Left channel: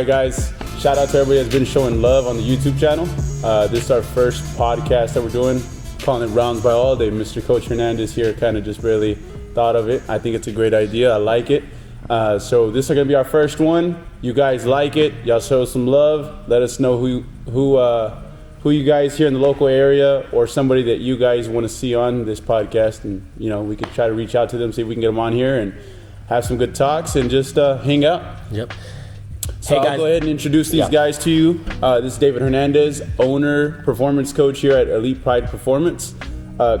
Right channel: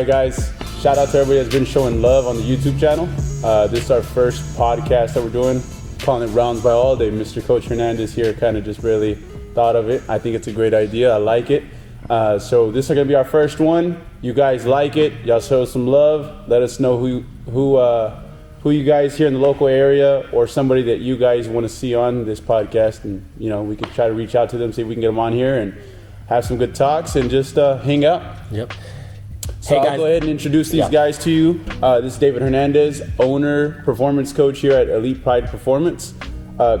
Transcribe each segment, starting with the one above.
right, guys. Shout out to everybody that's been showing love on the YouTube channel. This is our first podcast that we're doing, calling it Rounds by Alday. Mr. Coach Hernandez here kind of just really thought of it. I think it's a great idea. I like it. So this is going to be our first one. You guys like it. Y'all show some love. Let us know who you guys here in the local area or somebody that you guys want to see on this podcast. And, we could try to reach out to them, see if we can get them on here and have some good talks and just hang out. Yep. So I'll go ahead and introduce these guys to you. This is David Hernandez, owner, performance coach here at Elite Pride Performance.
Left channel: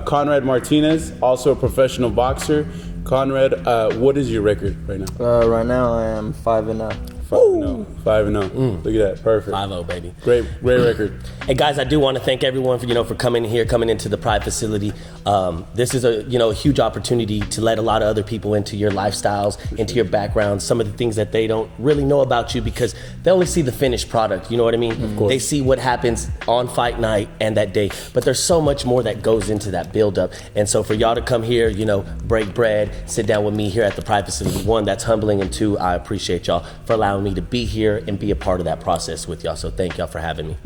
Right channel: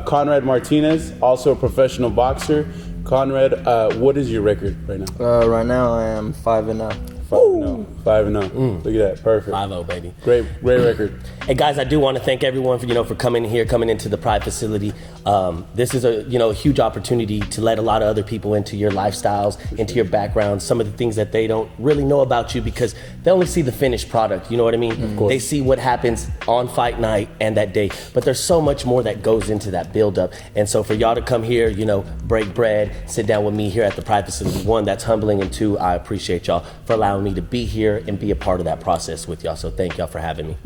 Conrad Martinez, also a professional boxer. Conrad, what is your record right now? Right now I am 5-0. 5-0. Look at that. Perfect. 5-0, baby. Great record. Hey guys, I do want to thank everyone for coming into the Pride facility. This is a huge opportunity to let a lot of other people into your lifestyles, into your background, some of the things that they don't really know about you because they only see the finished product. You know what I mean? They see what happens on fight night and that day, but there's so much more that goes into that build-up. And so for y'all to come here, break bread, sit down with me here at the Pride facility, one, that's humbling, and two, I appreciate y'all for allowing me to be here and be a part of that process with y'all. So thank y'all for having me.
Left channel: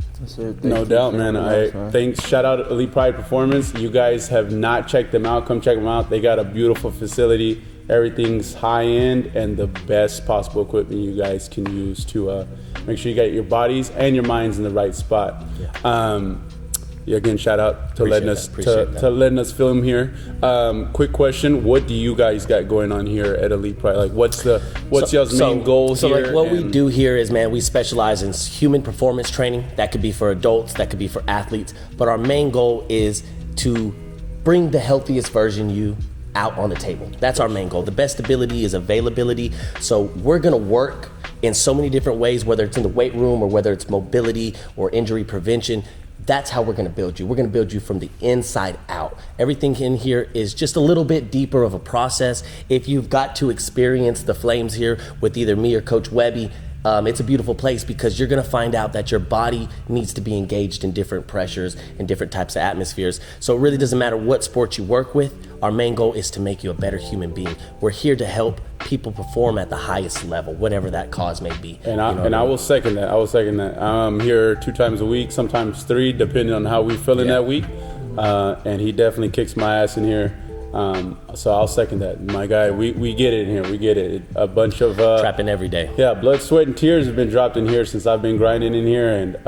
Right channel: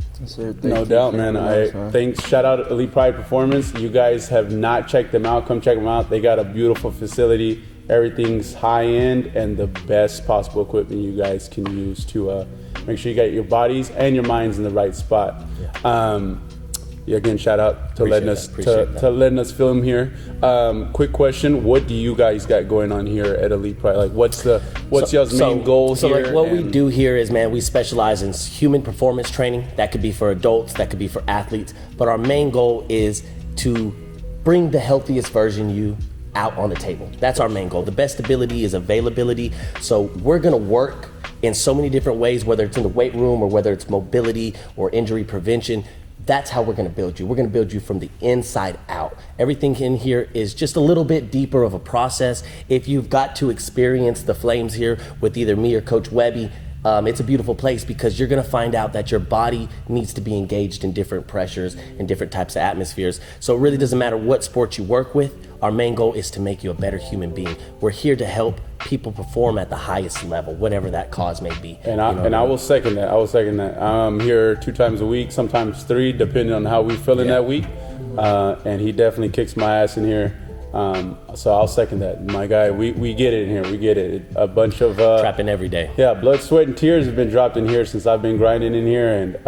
No doubt, man. Thanks. Shout out Elite Pride Performance. You guys have not checked them out. Come check them out. They got a beautiful facility. Everything's high end and the best possible equipment you guys can use to make sure you got your bodies and your minds in the right spot. Again, shout out to letting us film here. Quick question: what do you guys got going on here at Elite Pride? Like, what's y'all's main goal here? So, what we do here is, we specialize in human performance training. That could be for adults, that could be for athletes. But our main goal is to bring the healthiest version of you out on the table. That's our main goal. The best ability is availability. So we're gonna work in so many different ways, whether it's in the weight room or whether it's mobility or injury prevention. That's how we're going to build you. We're going to build you from the inside out. Everything in here is just a little bit deeper of a process. If you've got to experience the flames here with either me or Coach Webby, it's a beautiful place because you're going to find out that your body needs to be engaged in different pressures and different types of atmospheres. So it really doesn't matter what sport you work with. Our main goal is to make you a better human being. We're here to help people perform at the highest level, whatever that cause may be. And I will second that. I'm here 2 times a week, sometimes 3, depending on how we feeling that week. And he definitely kicks my ass in here. So I'll second that. My guy, we get it in here. We get it. A bunch of trapping every day. Yeah, blood, sweat, and tears have been dropped in here since I've been grinding in here. And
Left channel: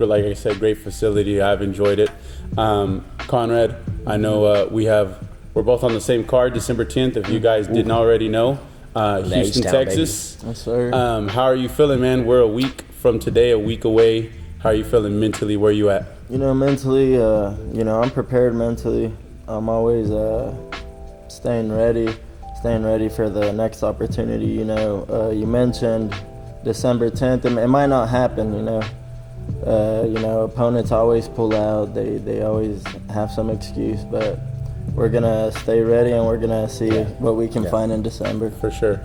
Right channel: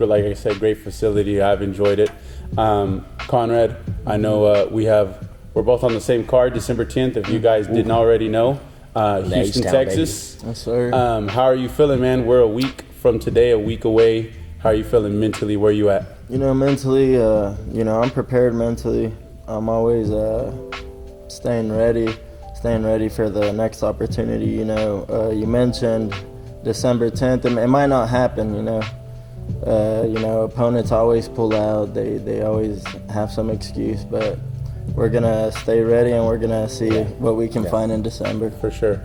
like I said, great facility. I've enjoyed it. Conrad, I know we're both on the same card, December 10th. If you guys didn't already know, Houston, Texas. Yes, sir. How are you feeling, man? We're a week from today, a week away. How are you feeling mentally? Where you at? Mentally, I'm prepared mentally. I'm always staying ready for the next opportunity. You mentioned December 10th. It might not happen. Opponents always pull out. They always have some excuse, but we're gonna stay ready and we're gonna see what we can find in December. For sure.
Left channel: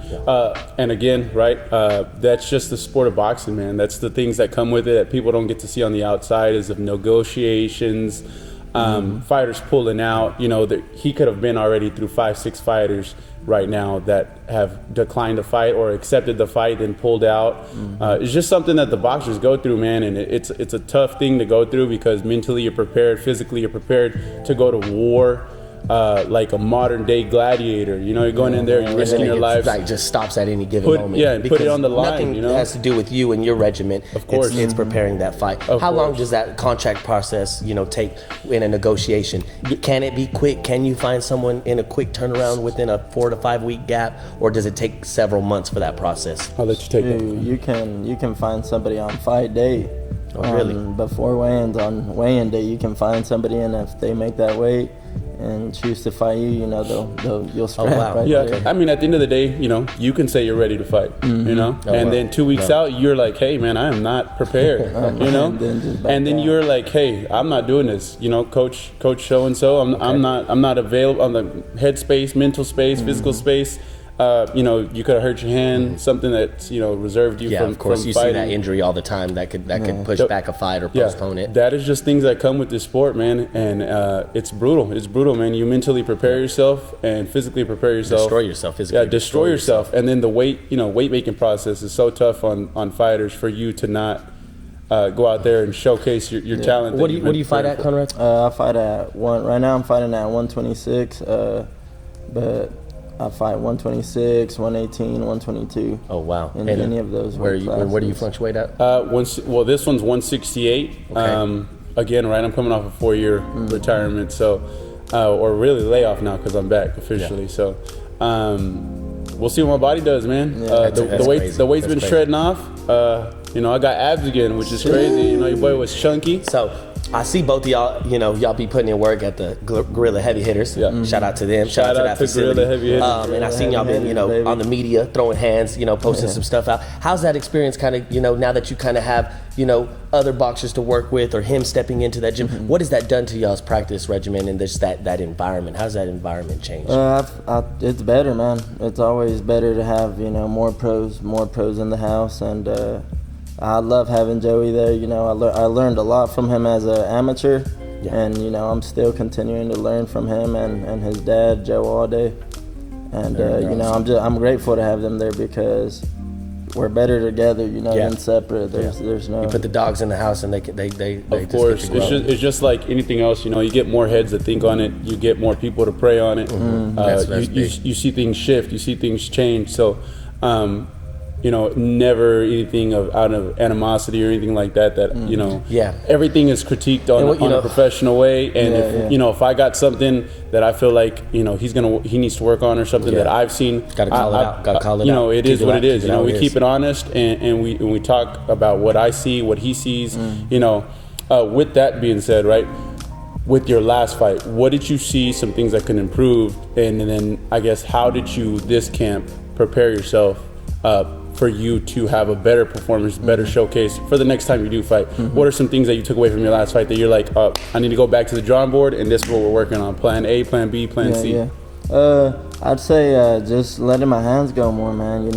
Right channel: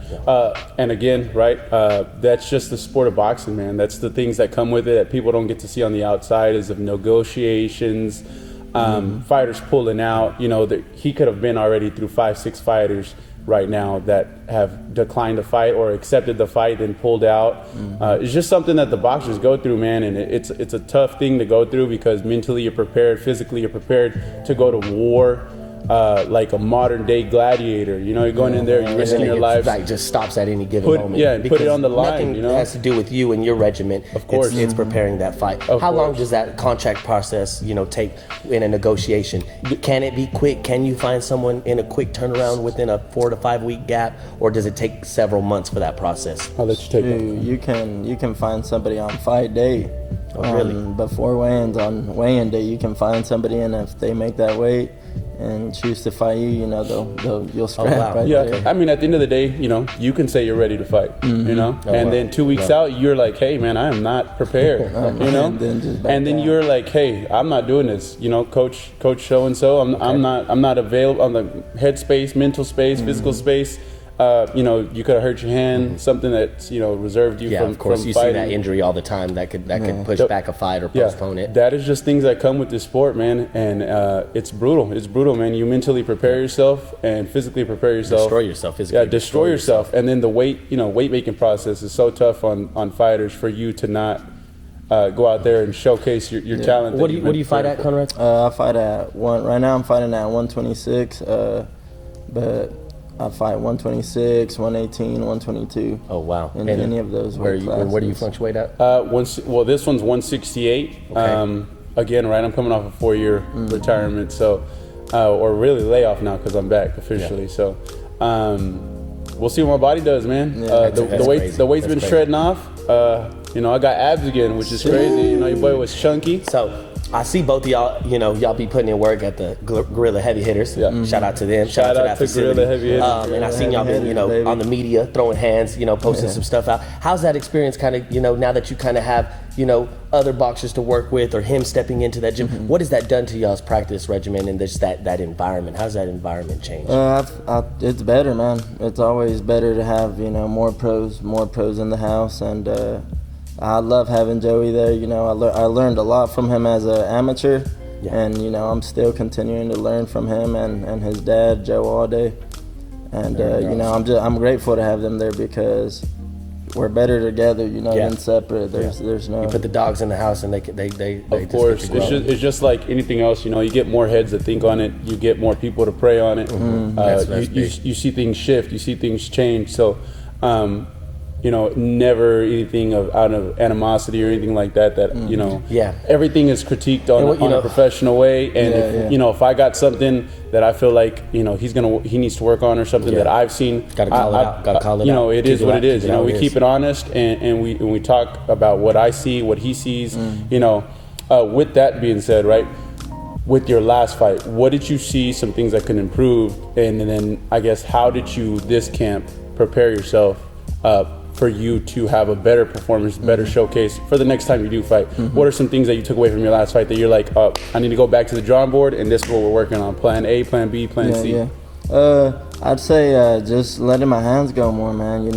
And again, that's just the sport of boxing, man. That's the things that come with it that people don't get to see on the outside, is of negotiations, fighters pulling out. He could have been already through 5-6 fighters right now that have declined to fight or accepted the fight and pulled out. It's just something that the boxers go through, man, and it's a tough thing to go through because mentally you're prepared, physically you're prepared to go to war. Like a modern day gladiator, you're going in there, you're risking your life. Like just stops at any given moment. Yeah, and put it on the line. Nothing has to do with you and your regiment. Of course, it's preparing that fight. How long does that contract process, take in a negotiation? Can it be quick? Can you find someone in a quick turnaround within a 4 to 5 week gap, or does it take several months for that process? I'll let you take it. You can find somebody on fight day. Really? Before weigh-ins, on weigh-in day, you can find somebody, and if they make that weight and choose to fight you, you'll scrap right there. I mean, at the end of the day, you can say you're ready to fight, then 2 weeks out, you're like, hey, man, I am not prepared, and then you're like, hey, I'm not doing this, coach so and so, I'm not available on the head space, mental space, physical space. you could have hurt your hand, something that's, reserved you Yeah, from of course. from You see fighting. that injury all the time. That could push back a fight or postpone it. That is just things that come with this sport, man. And it's brutal. It's brutal, man. You mentally prepare yourself and physically prepare yourself. Destroy yourself physically. Yeah, destroy yourself. And then the weight making process is so tough on fighters for you to not go out there and showcase your talent. What do you fight at, Conrad? I fight at right now I'm fighting at 126, but I fight 126, 118, 122. Oh wow! In any of those weight classes. Where do you fluctuate at? This one's 168. Okay. Again, right, I'm coming off a 4-year retirement, so or really layoff now because I'm back officially. Yeah. So we'll see what my body does, man. That's The weight's been crazy. shredding off. I got abs again, which is crazy. Your boy was chunky. So I see both of y'all, y'all be putting in work at the Gorilla Heavy Hitters. Yeah. Shout out to them. Shout out to that facility. Gorilla Heavy Hitters. And I seen y'all been, Baby. on the media, throwing hands, posting some stuff out. How's that experience kind of, now that you kind of have, other boxers to work with or him stepping into that gym? What has that done to y'all's practice regimen and just that environment? How's that environment changed? It's better, man. It's always better to have, more pros in the house, and I love having Joey there. I learned a lot from him as an amateur, and I'm still continuing to learn from him and his dad, Joe Alday, and I'm grateful to have them there because we're better together, than separate. There's no. You put the dogs in the house and they Of just course, get to grow. it's just like anything else. You get more heads that think on it. You get more people to pray on it. That's big. You see things shift. You see things change. So, never anything out of animosity or anything like that. Everything is critiqued on a professional way. And if I got something that I feel like he needs to work on or something that I've seen, Gotta call it out. Gotta call it out. It is what it is. We keep it it honest and we talk about what I see, what he sees. With that being said, right, with your last fight, what did you see? Some things that can improve, and then I guess how did you this camp prepare yourself for you to have a better performance, better showcase for the next time you do fight? What are some things that you took away from your last fight that you're like, I need to go back to the drawing board and this is what we're working on? Plan A, plan B, plan C. I'd say just letting my hands go more, man.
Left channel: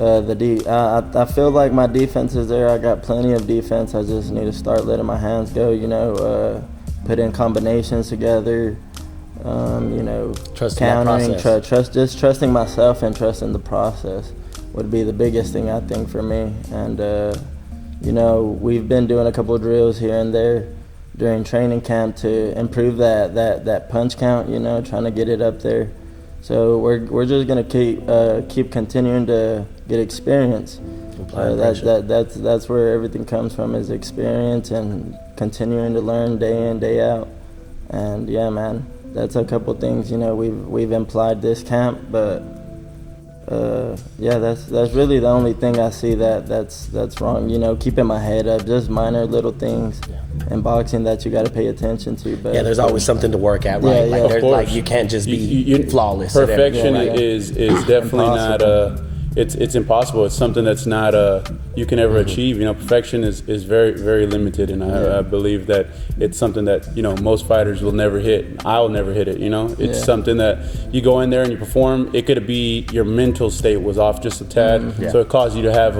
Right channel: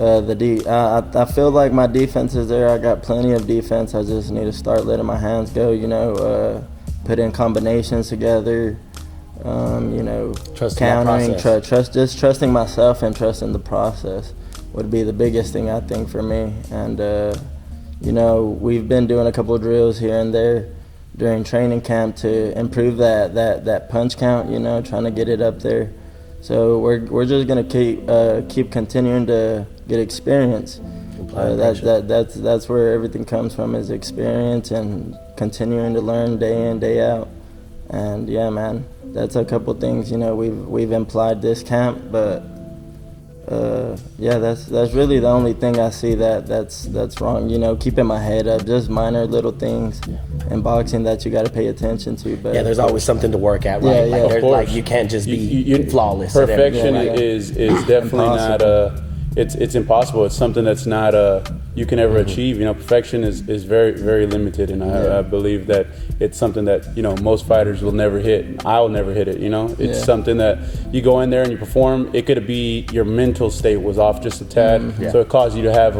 I feel like my defense is there. I got plenty of defense. I just need to start letting my hands go. Put in combinations together. Trusting countering, that process. just trusting myself and trusting the process would be the biggest thing I think for me. And we've been doing a couple of drills here and there during training camp to improve that punch count. Trying to get it up there. So we're just gonna keep continuing to get experience. That's where everything comes from, is experience and continuing to learn day in, day out. And yeah, man, that's a couple things we've implied this camp, but that's really the only thing I see that's wrong. Keeping my head up, just minor little things in boxing that you got to pay attention to. But there's always something to work at, right? Yeah, like you can't just be flawless. Perfection at everything. is definitely Impossible. not it's impossible. It's something that's not you can ever achieve. Perfection is very, very limited, and I believe that it's something that most fighters will never hit. I'll never hit it. It's something that you go in there and you perform. It could be your mental state was off just a tad, so it caused you to have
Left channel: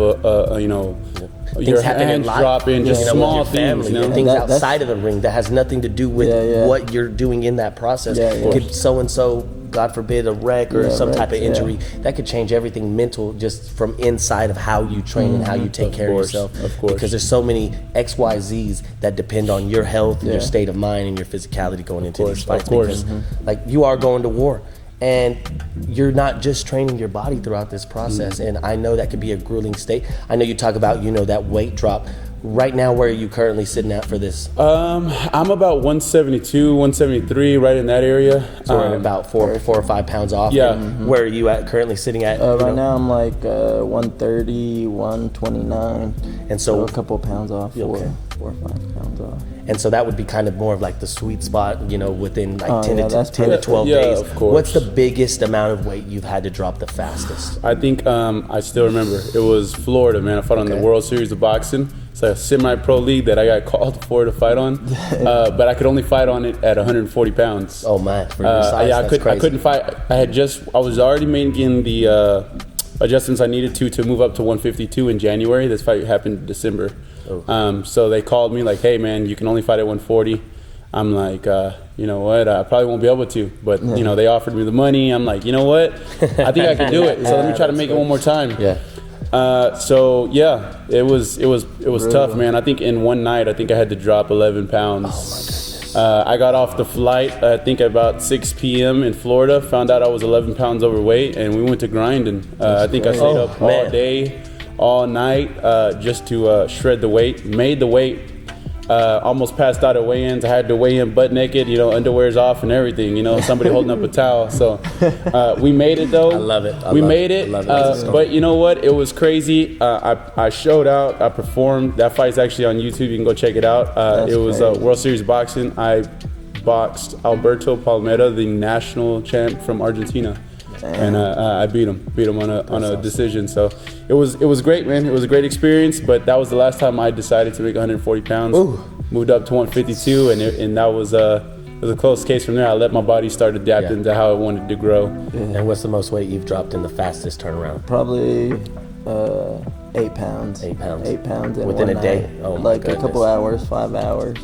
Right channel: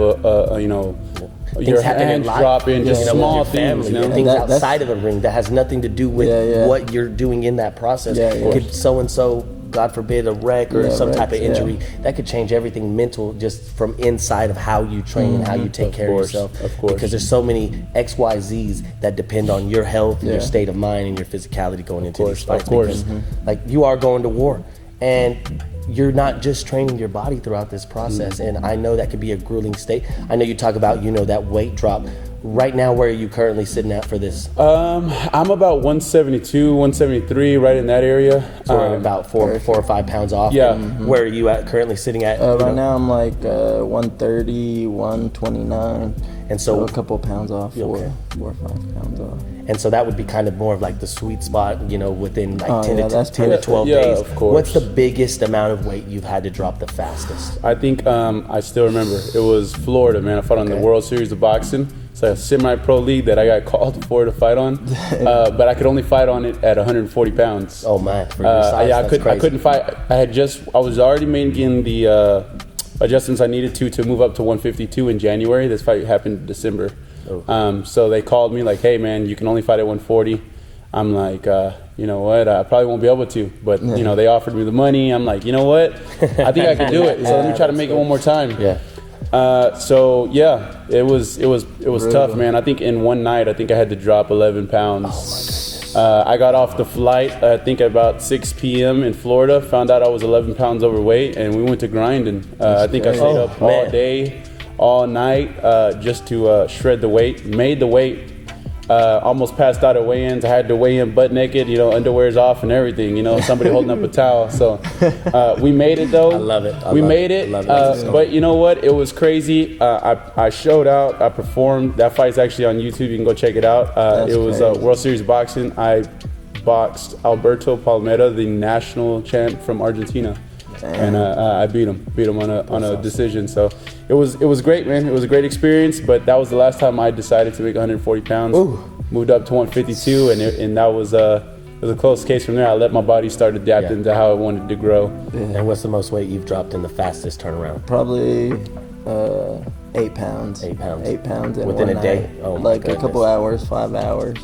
your happen in hands life, drop in just with small your family, things. things that's- outside of the ring that has nothing to do with what you're doing in that process. Could so and so, God forbid, a wreck or some type of injury that could change everything mental just from inside of how you train and how you take care of yourself. Of course. Because there's so many XYZs that depend on your health and your state of mind and your physicality going into these fights. Because like you are going to war. And you're not just training your body throughout this process. And I know that could be a grueling state. I know you talk about, that weight drop. Right now, where are you currently sitting at for this? I'm about 172, 173, right in that area. So we're about 4 or 5 pounds off. Yeah. Where are you at currently sitting at? Right now I'm like 130, 129. And so a couple pounds off, 4 or 5 pounds off. And so that would be kind of more of like the sweet spot, within like 10 that's to 12 Yeah, days. of course. What's the biggest amount of weight you've had to drop the fastest? I think I still remember it was Florida, man. I fought on the World Series of Boxing, It's a semi-pro league that I got called for to fight on, but I could only fight on it at 140 pounds. Oh man, for your size, yeah, I couldn't fight. I was already making the adjustments I needed to move up to 152 in January. This fight happened in December. Oh. So they called me like, hey man, you can only fight at 140. I'm like, you know what? I probably won't be able to, but you know, they offered me the money. I'm like, you know what? I think I can do it. So let me try to make it one more time. Yeah. So yeah, it was tough, man. I think in one night, I think I had to drop 11 pounds. I got off the flight, I think at about 6 p.m. in Florida, found out I was 11 pounds overweight, and we went to grinding. I think I stayed up all day, all night, just to shred the weight, made the weight. Almost passed out at weigh-ins. I had to weigh in butt naked, you know, underwear's off and everything, you know, somebody holding up a towel. So we made it though. I love it. We made it. But you know what? It was crazy. I showed out. I performed. That fight's actually on YouTube. You can go check it out. It was World Series boxing. I boxed Alberto Palmera, the national champ from Argentina. Damn. And I beat him on a decision. So it was great, man. It was a great experience. But that was the last time I decided to make 140 pounds. Ooh. Moved up to 152, and that was a close case from there. I let my body start adapting to how it wanted to grow. And what's the most weight you've dropped in the fastest turnaround? Probably 8 pounds. 8 pounds. 8 pounds in within one a day. Night. Oh my like goodness. a couple hours, 5 hours.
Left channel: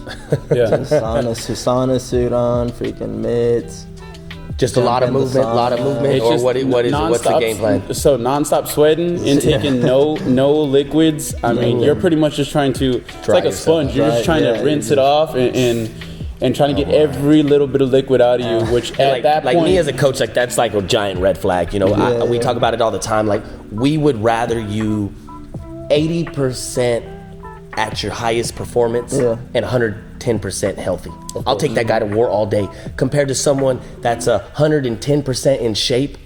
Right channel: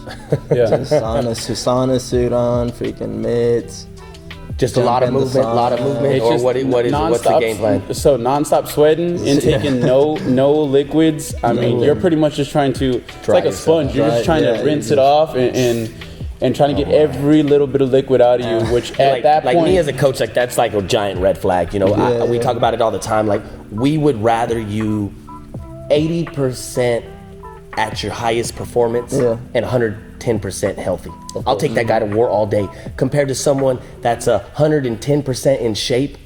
Yeah. Just sauna suit on, freaking mitts. Just a lot of movement, or what's the game plan? So nonstop sweating and taking no liquids. I mean, you're pretty much just trying to. It's like a sponge. You're just trying to rinse it off and trying to get every little bit of liquid out of you. Which at that point, like me as a coach, like that's like a giant red flag. You know, we talk about it all the time. Like we would rather you 80% at your highest performance and 110% healthy. I'll take that guy to war all day compared to someone that's 110% in shape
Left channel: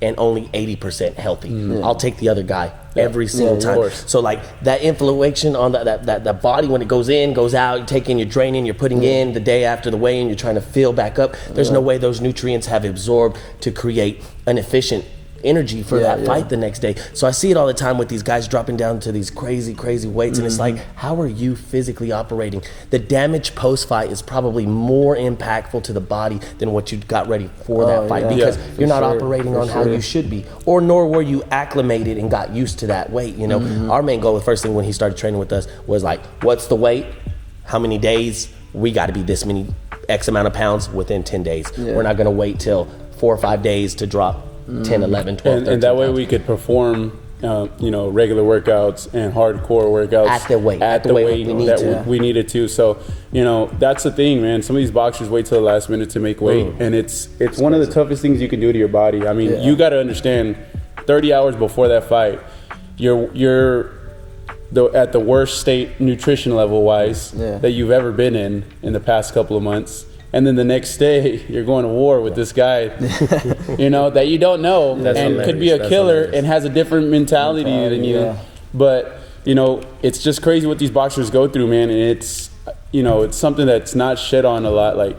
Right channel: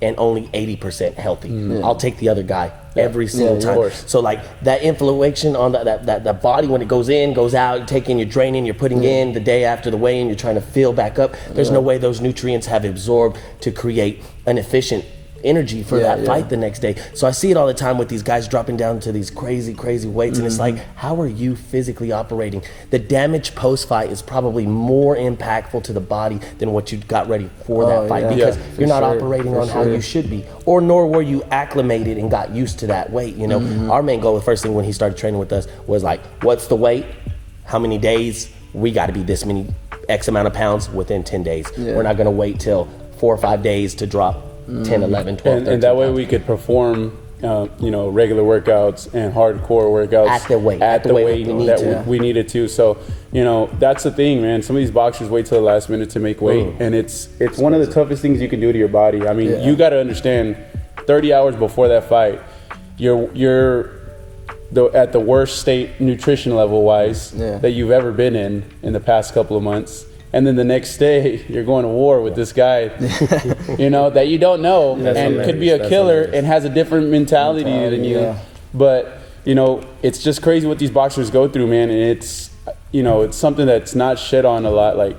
and only 80% healthy. I'll take the other guy every single time. So like that inflammation on that body, when it goes in, goes out, you're taking, you're draining, you're putting in the day after the weigh-in, you're trying to fill back up. There's no way those nutrients have absorbed to create an efficient energy for that fight the next day. So I see it all the time with these guys dropping down to these crazy weights, and it's like, how are you physically operating? The damage post-fight is probably more impactful to the body than what you got ready for that fight, because you're not operating on how you should be, or nor were you acclimated and got used to that weight. You know, our main goal, the first thing when he started training with us was like, what's the weight? How many days? We got to be this many X amount of pounds within 10 days. We're not going to wait till 4 or 5 days to drop 10, 11, 12, 13 and that way pounds. we could perform, you know, regular workouts and hardcore workouts at the weight we needed to. So, you know, that's the thing, man. Some of these boxers wait till the last minute to make weight, and it's one of the toughest things you can do to your body. I mean, you got to understand, 30 hours before that fight, you're at the worst state nutrition level wise that you've ever been in the past couple of months. And then the next day, you're going to war with this guy, you know, that you don't know, and could be a killer and has a different mentality than you. But, you know, it's just crazy what these boxers go through, man. And it's, you know, it's something that's not shed on a lot. Like,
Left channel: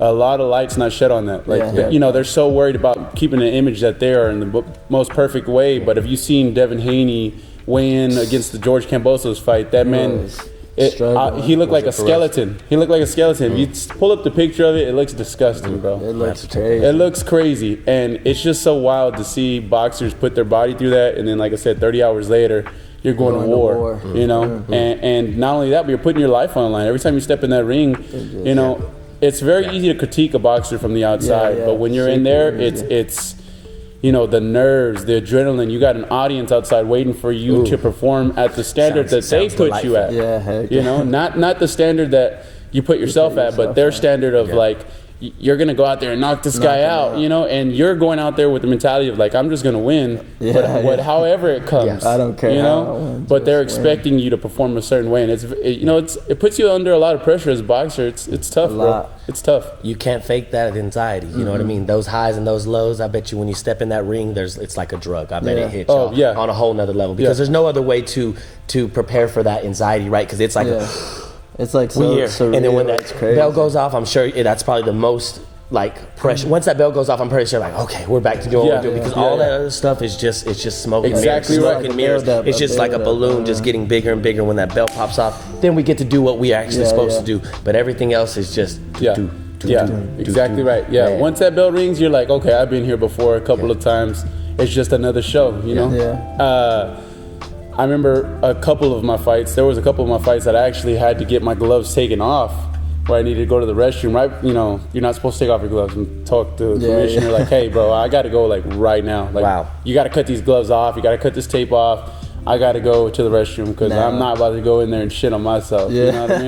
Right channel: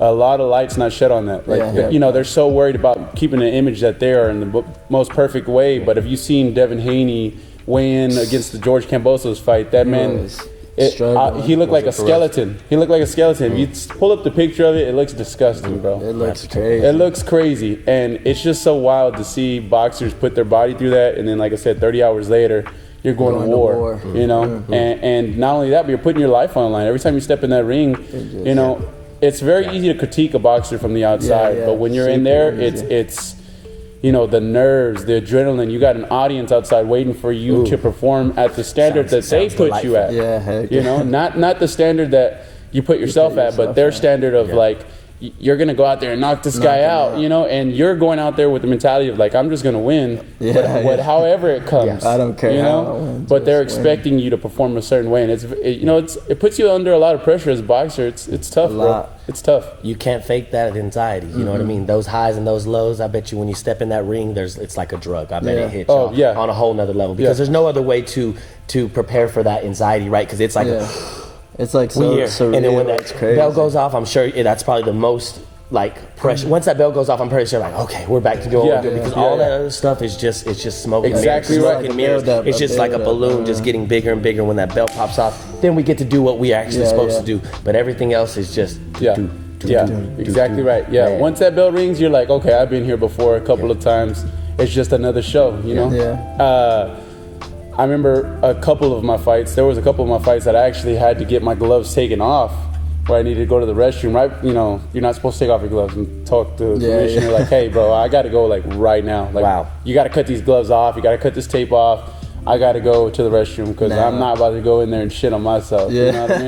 a lot of light's not shed on that. Like, you know, they're so worried about keeping the image that they are in the most perfect way. But if you've seen Devin Haney weigh in against the George Kambosos fight, that man... he looked like a skeleton. He looked like a skeleton. You pull up the picture of it, it looks disgusting, bro. It looks crazy. It looks crazy. And it's just so wild to see boxers put their body through that, and then, like I said, 30 hours later, you're going to war. You know? And not only that, but you're putting your life on the line. Every time you step in that ring, you know, it's very easy to critique a boxer from the outside. But when you're in there, it's you know, the nerves, the adrenaline. You got an audience outside waiting for you to perform at the standard that they put you at. You know, not the standard that you put yourself at, but their standard of like, you're going to go out there and knock this guy out, you know, and you're going out there with the mentality of like, I'm just going to win, however it comes. I don't care, you how know? I win, But they're expecting you to perform a certain way, and it puts you under a lot of pressure as a boxer. It's tough, bro. It's tough. You can't fake that anxiety. You know what I mean? Those highs and those lows. I bet you when you step in that ring, it's like a drug. I bet it hits you on a whole nother level, because there's no other way to prepare for that anxiety, right? Because it's like. It's like so surreal. And then when that it's crazy. bell goes off, I'm sure that's probably the most like pressure. Once that bell goes off, I'm pretty sure like, okay, we're back to doing what we're doing, because all that other stuff is just smoke and mirrors. Smoke and mirrors. It's just like a balloon just getting bigger and bigger. When that bell pops off, then we get to do what we actually supposed to do. But everything else is just exactly right. Yeah, man. Once that bell rings, you're like, okay, I've been here before a couple of times. It's just another show, you know. I remember a couple of my fights. There was a couple of my fights that I actually had to get my gloves taken off, where I needed to go to the restroom. Right, you know, you're not supposed to take off your gloves and talk to the commissioner. Like, hey, bro, I got to go like right now. Like, you got to cut these gloves off. You got to cut this tape off. I got to go to the restroom because I'm not about to go in there and shit on myself. You know what I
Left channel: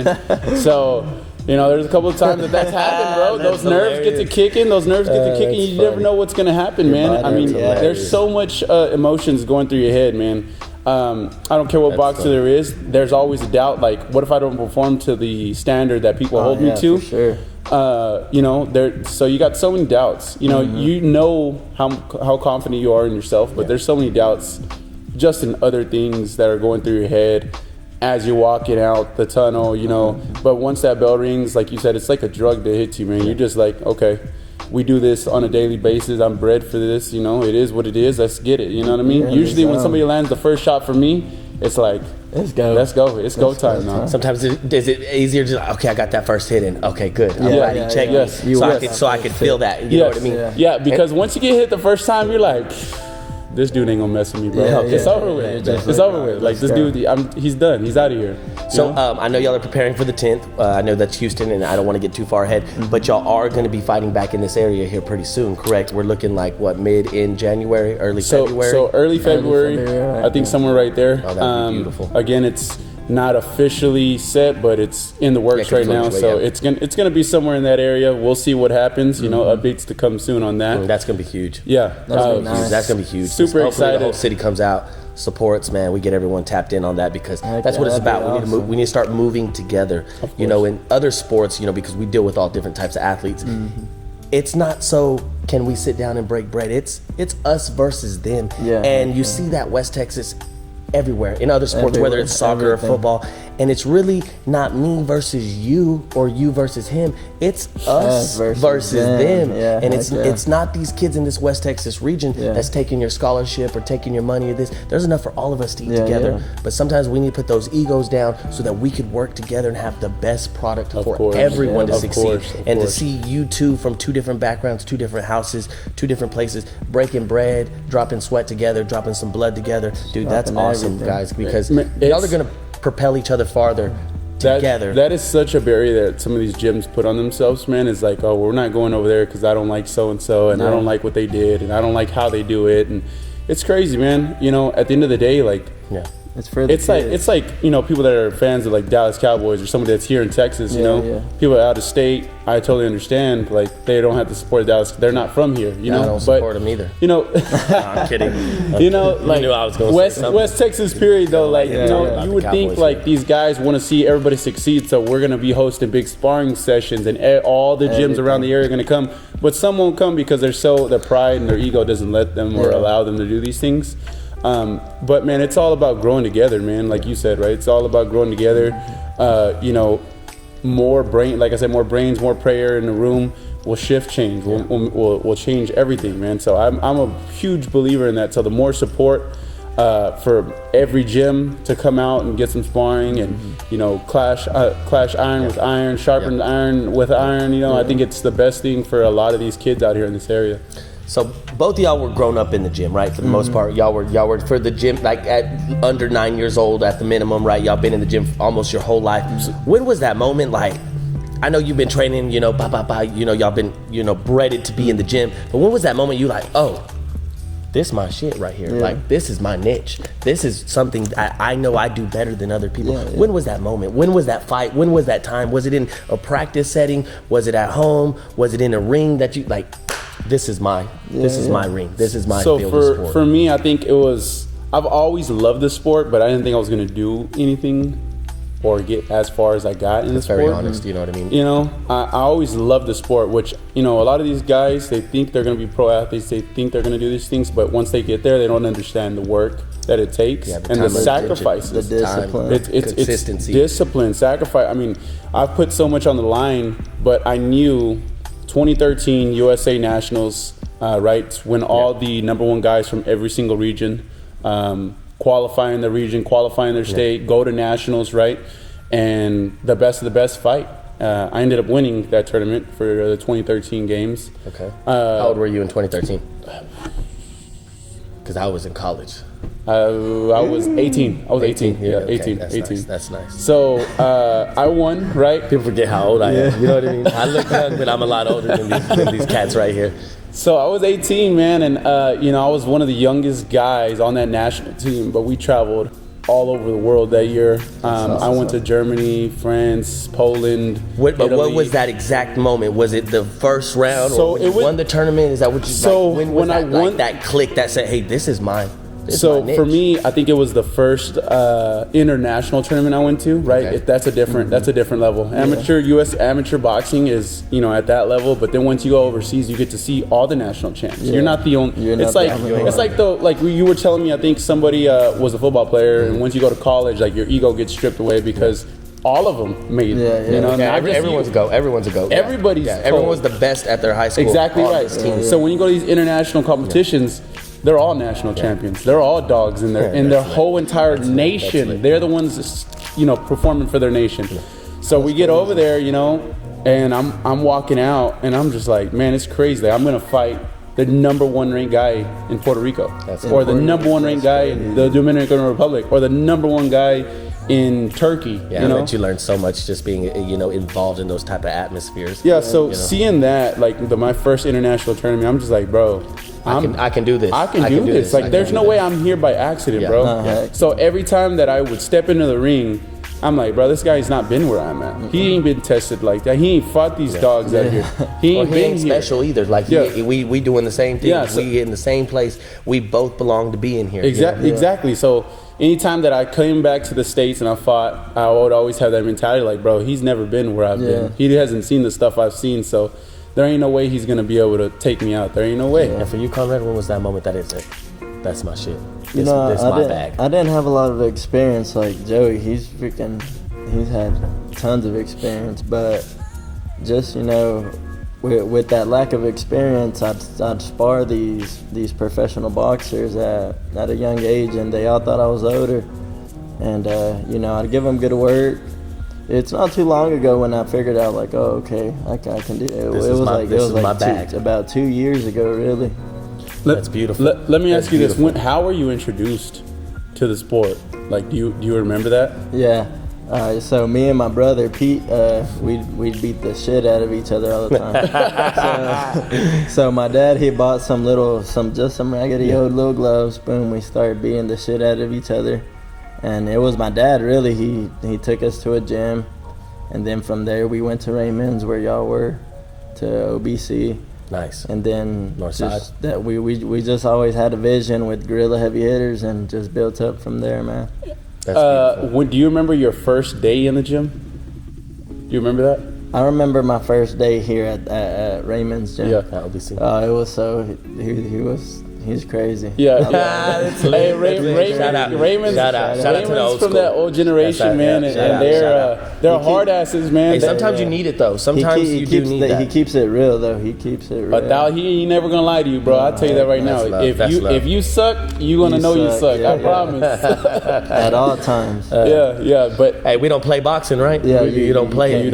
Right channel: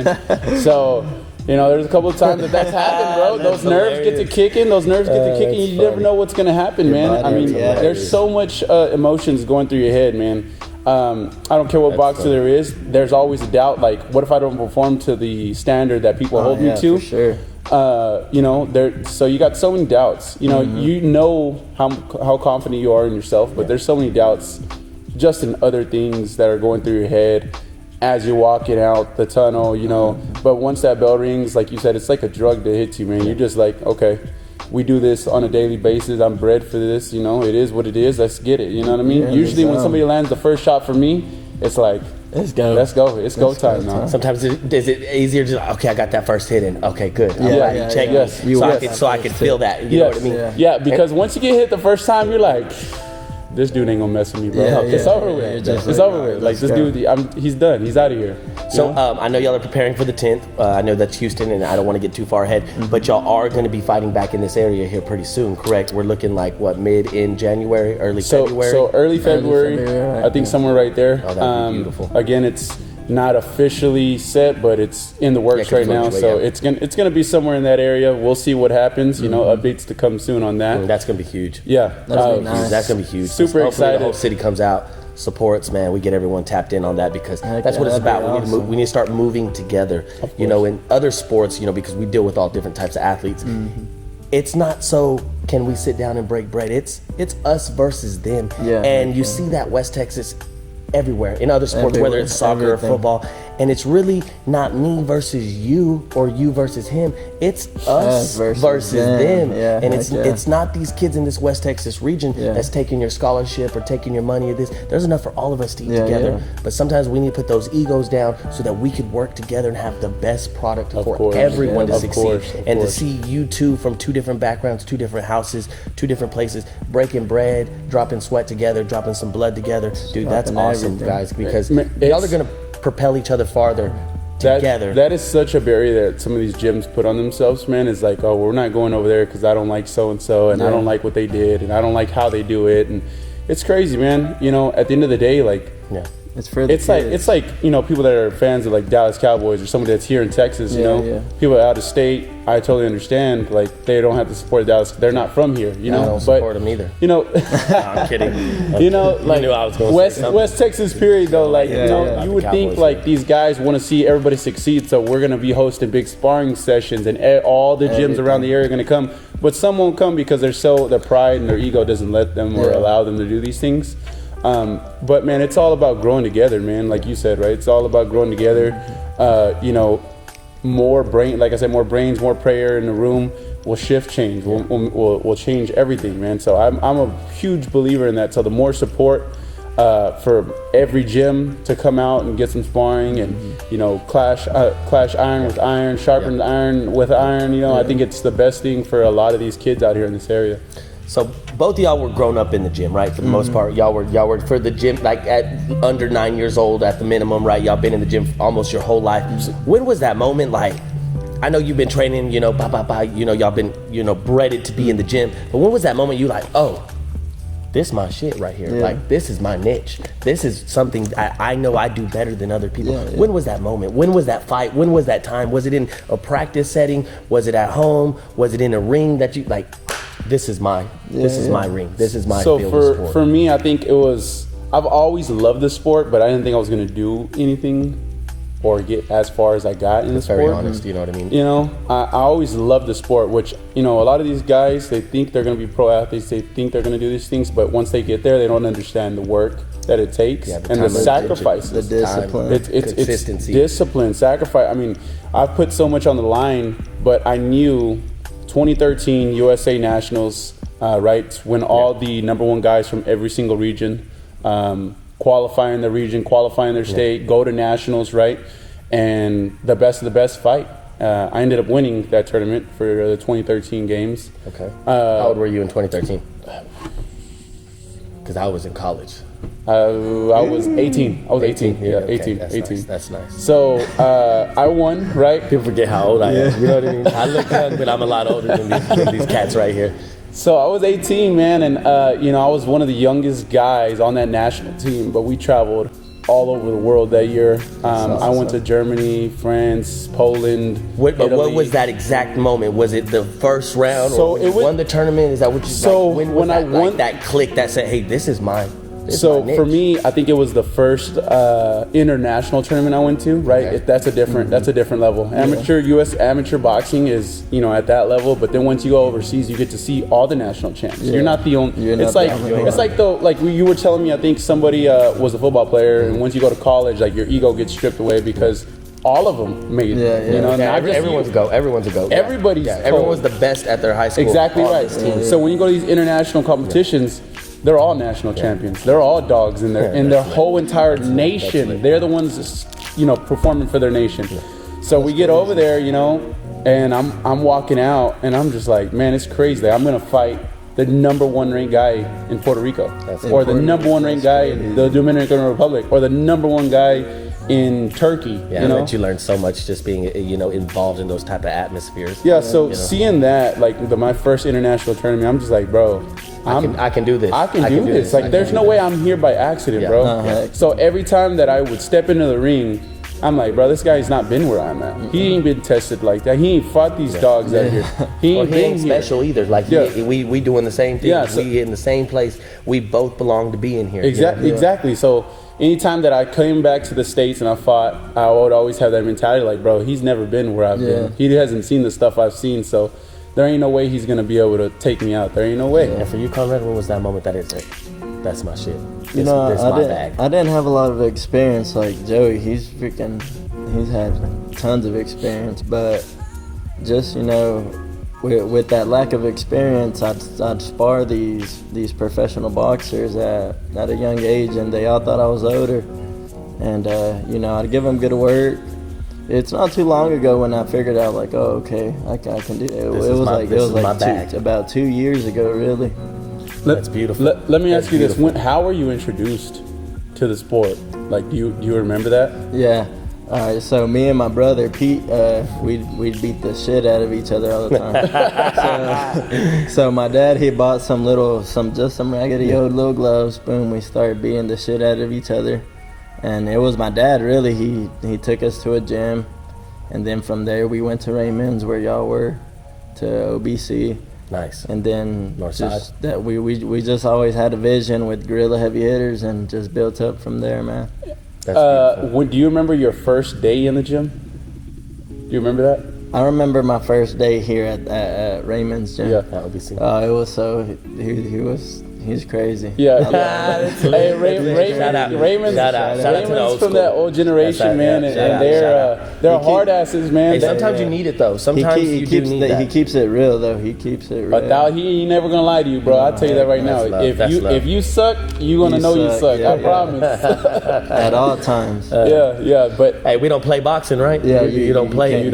mean? So, you know, there's a couple of times that's happened, bro. Those nerves get to kicking. You never know what's going to happen, man. I mean, there's so much emotions going through your head, man. I don't care what boxer there is. There's always a doubt. Like, what if I don't perform to the standard that people hold me to? For sure. You know, so you got so many doubts. You know, you know how confident you are in yourself, but there's so many doubts just in other things that are going through your head as you're walking out the tunnel. You know, but once that bell rings, like you said, it's like a drug that hits you, man. You're just like, okay, we do this on a daily basis. I'm bred for this, you know. It is what it is. Let's get it. You know what I mean? Yeah, usually when somebody lands the first shot for me, it's like, let's go. It's go time, man. Sometimes is it easier to okay, I got that first hit in. Okay, good. So I can feel that. You know what I mean? Yeah, because once you get hit the first time, you're like, this dude ain't gonna mess with me, bro. It's over with. It's over with. Like, this dude, he's done. He's out of here. So I know y'all are preparing for the 10th. I know that's Houston, and I don't want to get too far ahead, but y'all are going to be fighting back in this area here pretty soon, correct? We're looking like what, in January, early February? So early February, I think somewhere right there. Oh, that'd be beautiful. Again, it's not officially set, but it's in the works right now. So it's gonna be somewhere in that area. We'll see what happens. You know, updates to come soon on that. That's gonna be huge. Yeah, that'll be nice. That's gonna be huge. Super Hopefully excited. The whole city comes out, supports, man. We get everyone tapped in on that, because that's what it's about. We need to start moving together. You know, in other sports, you know, because we deal with all different types of athletes. It's not so can we sit down and break bread. It's us versus them. And you see that West Texas everywhere in other sports, whether it's soccer or football, and it's really not me versus you or you versus him. It's us versus them. And it's not these kids in this West Texas region that's taking your scholarship or taking your money or this. There's enough for all of us to eat together. But sometimes we need to put those egos down so that we could work together and have the best product for everyone to succeed. And to see you two from two different backgrounds, two different houses, two different places, breaking bread, dropping sweat together, dropping some blood together. Dude, that's awesome, guys, because y'all are going to propel each other farther together. That is such a barrier that some of these gyms put on themselves, man. Is like, oh, we're not going over there because I don't like so and so, and I don't like what they did, and I don't like how they do it, and it's crazy, man. You know, at the end of the day, like, it's for the kids. It's like, you know, people that are fans of like Dallas Cowboys or somebody that's here in Texas. You know, people out of state. I totally understand. Like, they don't have to support Dallas. They're not from here. You know, I don't support them either. You know, no, I'm kidding. You know, like West Texas period though. Like, you know, you would think like these guys want to see everybody succeed, so we're gonna be hosting big sparring sessions, and all the gyms around the area are gonna come. But some won't come because their pride and their ego doesn't let them or allow them to do these things. But man, it's all about growing together, man. Like you said, right? It's all about growing together. You know, more brains, more prayer in the room will shift change. Will change everything, man. So I'm a huge believer in that. So the more support for every gym to come out and get some sparring and, you know, clash iron with iron, sharpen iron with iron. You know, I think it's the best thing for a lot of these kids out here in this area. So both of y'all were grown up in the gym, right? For the most part, y'all were for the gym, like at under 9 years old at the minimum, right? Y'all been in the gym almost your whole life. When was that moment? Like, I know you've been training, you know, you know, y'all been, you know, bred to be in the gym. But when was that moment you like, oh, this my shit right here. Like, this is my niche. This is something I know I do better than other people. When was that moment? When was that fight? When was that time? Was it in a practice setting? Was it at home? Was it in a ring that you like? This is my ring. This is my field of sport. For me, I think it was, I've always loved the sport, but I didn't think I was going to do anything or get as far as I got in the sport. Very honest, you know what I mean? You know, I always loved the sport, which, you know, a lot of these guys, they think they're going to be pro athletes, they think they're going to do these things, but once they get there, they don't understand the work that it takes and the sacrifices. The discipline. It's consistency. It's discipline, sacrifice. I mean, I've put so much on the line, but I knew 2013 USA Nationals, right? When all the number one guys from every single region qualify in the region, qualify in their state, go to nationals, right? And the best of the best fight. I ended up winning that tournament for the 2013 games. Okay. How old were you in 2013? Because I was in college. I was 18. I was 18. Yeah, okay. 18. That's 18. Nice. That's nice. So I won, right? People forget how old I am. You know what I mean? I look young, but I'm a lot older than these cats right here. So I was 18, man, and I was one of the youngest guys on that national team. But we traveled all over the world that year. I went to Germany, France, Poland. What was that exact moment? Was it the first round, or when you won the tournament? Is that what you? So when was I that, won, like that click that said, "Hey, this is mine." So for me, I think it was the first international tournament I went to. Right, Okay. that's a different level. U.S. amateur boxing is at that level, but then once you go overseas, you get to see all the national champs. Yeah. You're not the only. You're like you were telling me. I think somebody was a football player, and once you go to college, like your ego gets stripped away because all of them made it. Everyone's a goat. Everyone's a goat. Everybody's everyone was the best at their high school. Exactly right. So when you go to these international competitions. They're all national champions. They're all dogs in their whole entire nation. They're the ones that's, performing for their nation. So we get over there, and I'm walking out, and I'm just like, man, it's crazy. I'm gonna fight the number one ranked guy in Puerto Rico, or the number one ranked guy in the Dominican Republic, or the number one guy in Turkey. Yeah, I bet you learn so much just being involved in those type of atmospheres. Yeah, so seeing that, like my first international tournament, I'm just like, bro, I can do this. I can do this. Like, there's no way I'm here by accident, bro. So every time that I would step into the ring, I'm like, bro, this guy's not been where I'm at. He ain't been tested like that. He ain't fought these dogs out here. He ain't special either. Like we doing the same thing. Yeah, we in the same place. We both belong to be in here. Exactly. So anytime that I came back to the States and I fought, I would always have that mentality like, bro, he's never been where I've been. He hasn't seen the stuff I've seen, so there ain't no way he's going to be able to take me out. There ain't no way. And for you, Conrad, when was that moment that is it? That's my shit. This my bag. I didn't have a lot of experience like Joey. He's had tons of experience, but just, with that lack of experience, I'd spar these professional boxers at a young age, and they all thought I was older. And I'd give them good work. It's not too long ago when I figured out, like, oh, okay, I can do it. It was like about 2 years ago, really. That's beautiful. Let me ask you this: how were you introduced to the sport? Like, do you remember that? Yeah. So me and my brother Pete, we'd beat the shit out of each other all the time. so my dad, he bought some raggedy old little gloves. Boom, we started beating the shit out of each other, and it was my dad really. He took us to a gym, and then from there we went to Raymond's where y'all were, to OBC. Nice. And then Northside. That we just always had a vision with guerrilla heavy hitters and just built up from there, man. Do you remember your first day in the gym? Do you remember that? I remember my first day here at Raymond's gym. Yeah, that would be seen. It was so he's crazy. Yeah, Raymond's shout out to the old from school. that old generation, man, and they're hard asses, man. Hey, sometimes you need it though. Sometimes you do need that. He keeps it real though. He keeps it real. But now he ain't never gonna lie to you, bro. I'll tell you that right now. If you suck, you gonna know you suck. I promise. At all times. Yeah. But hey, we don't play boxing, right? Yeah, you don't play. You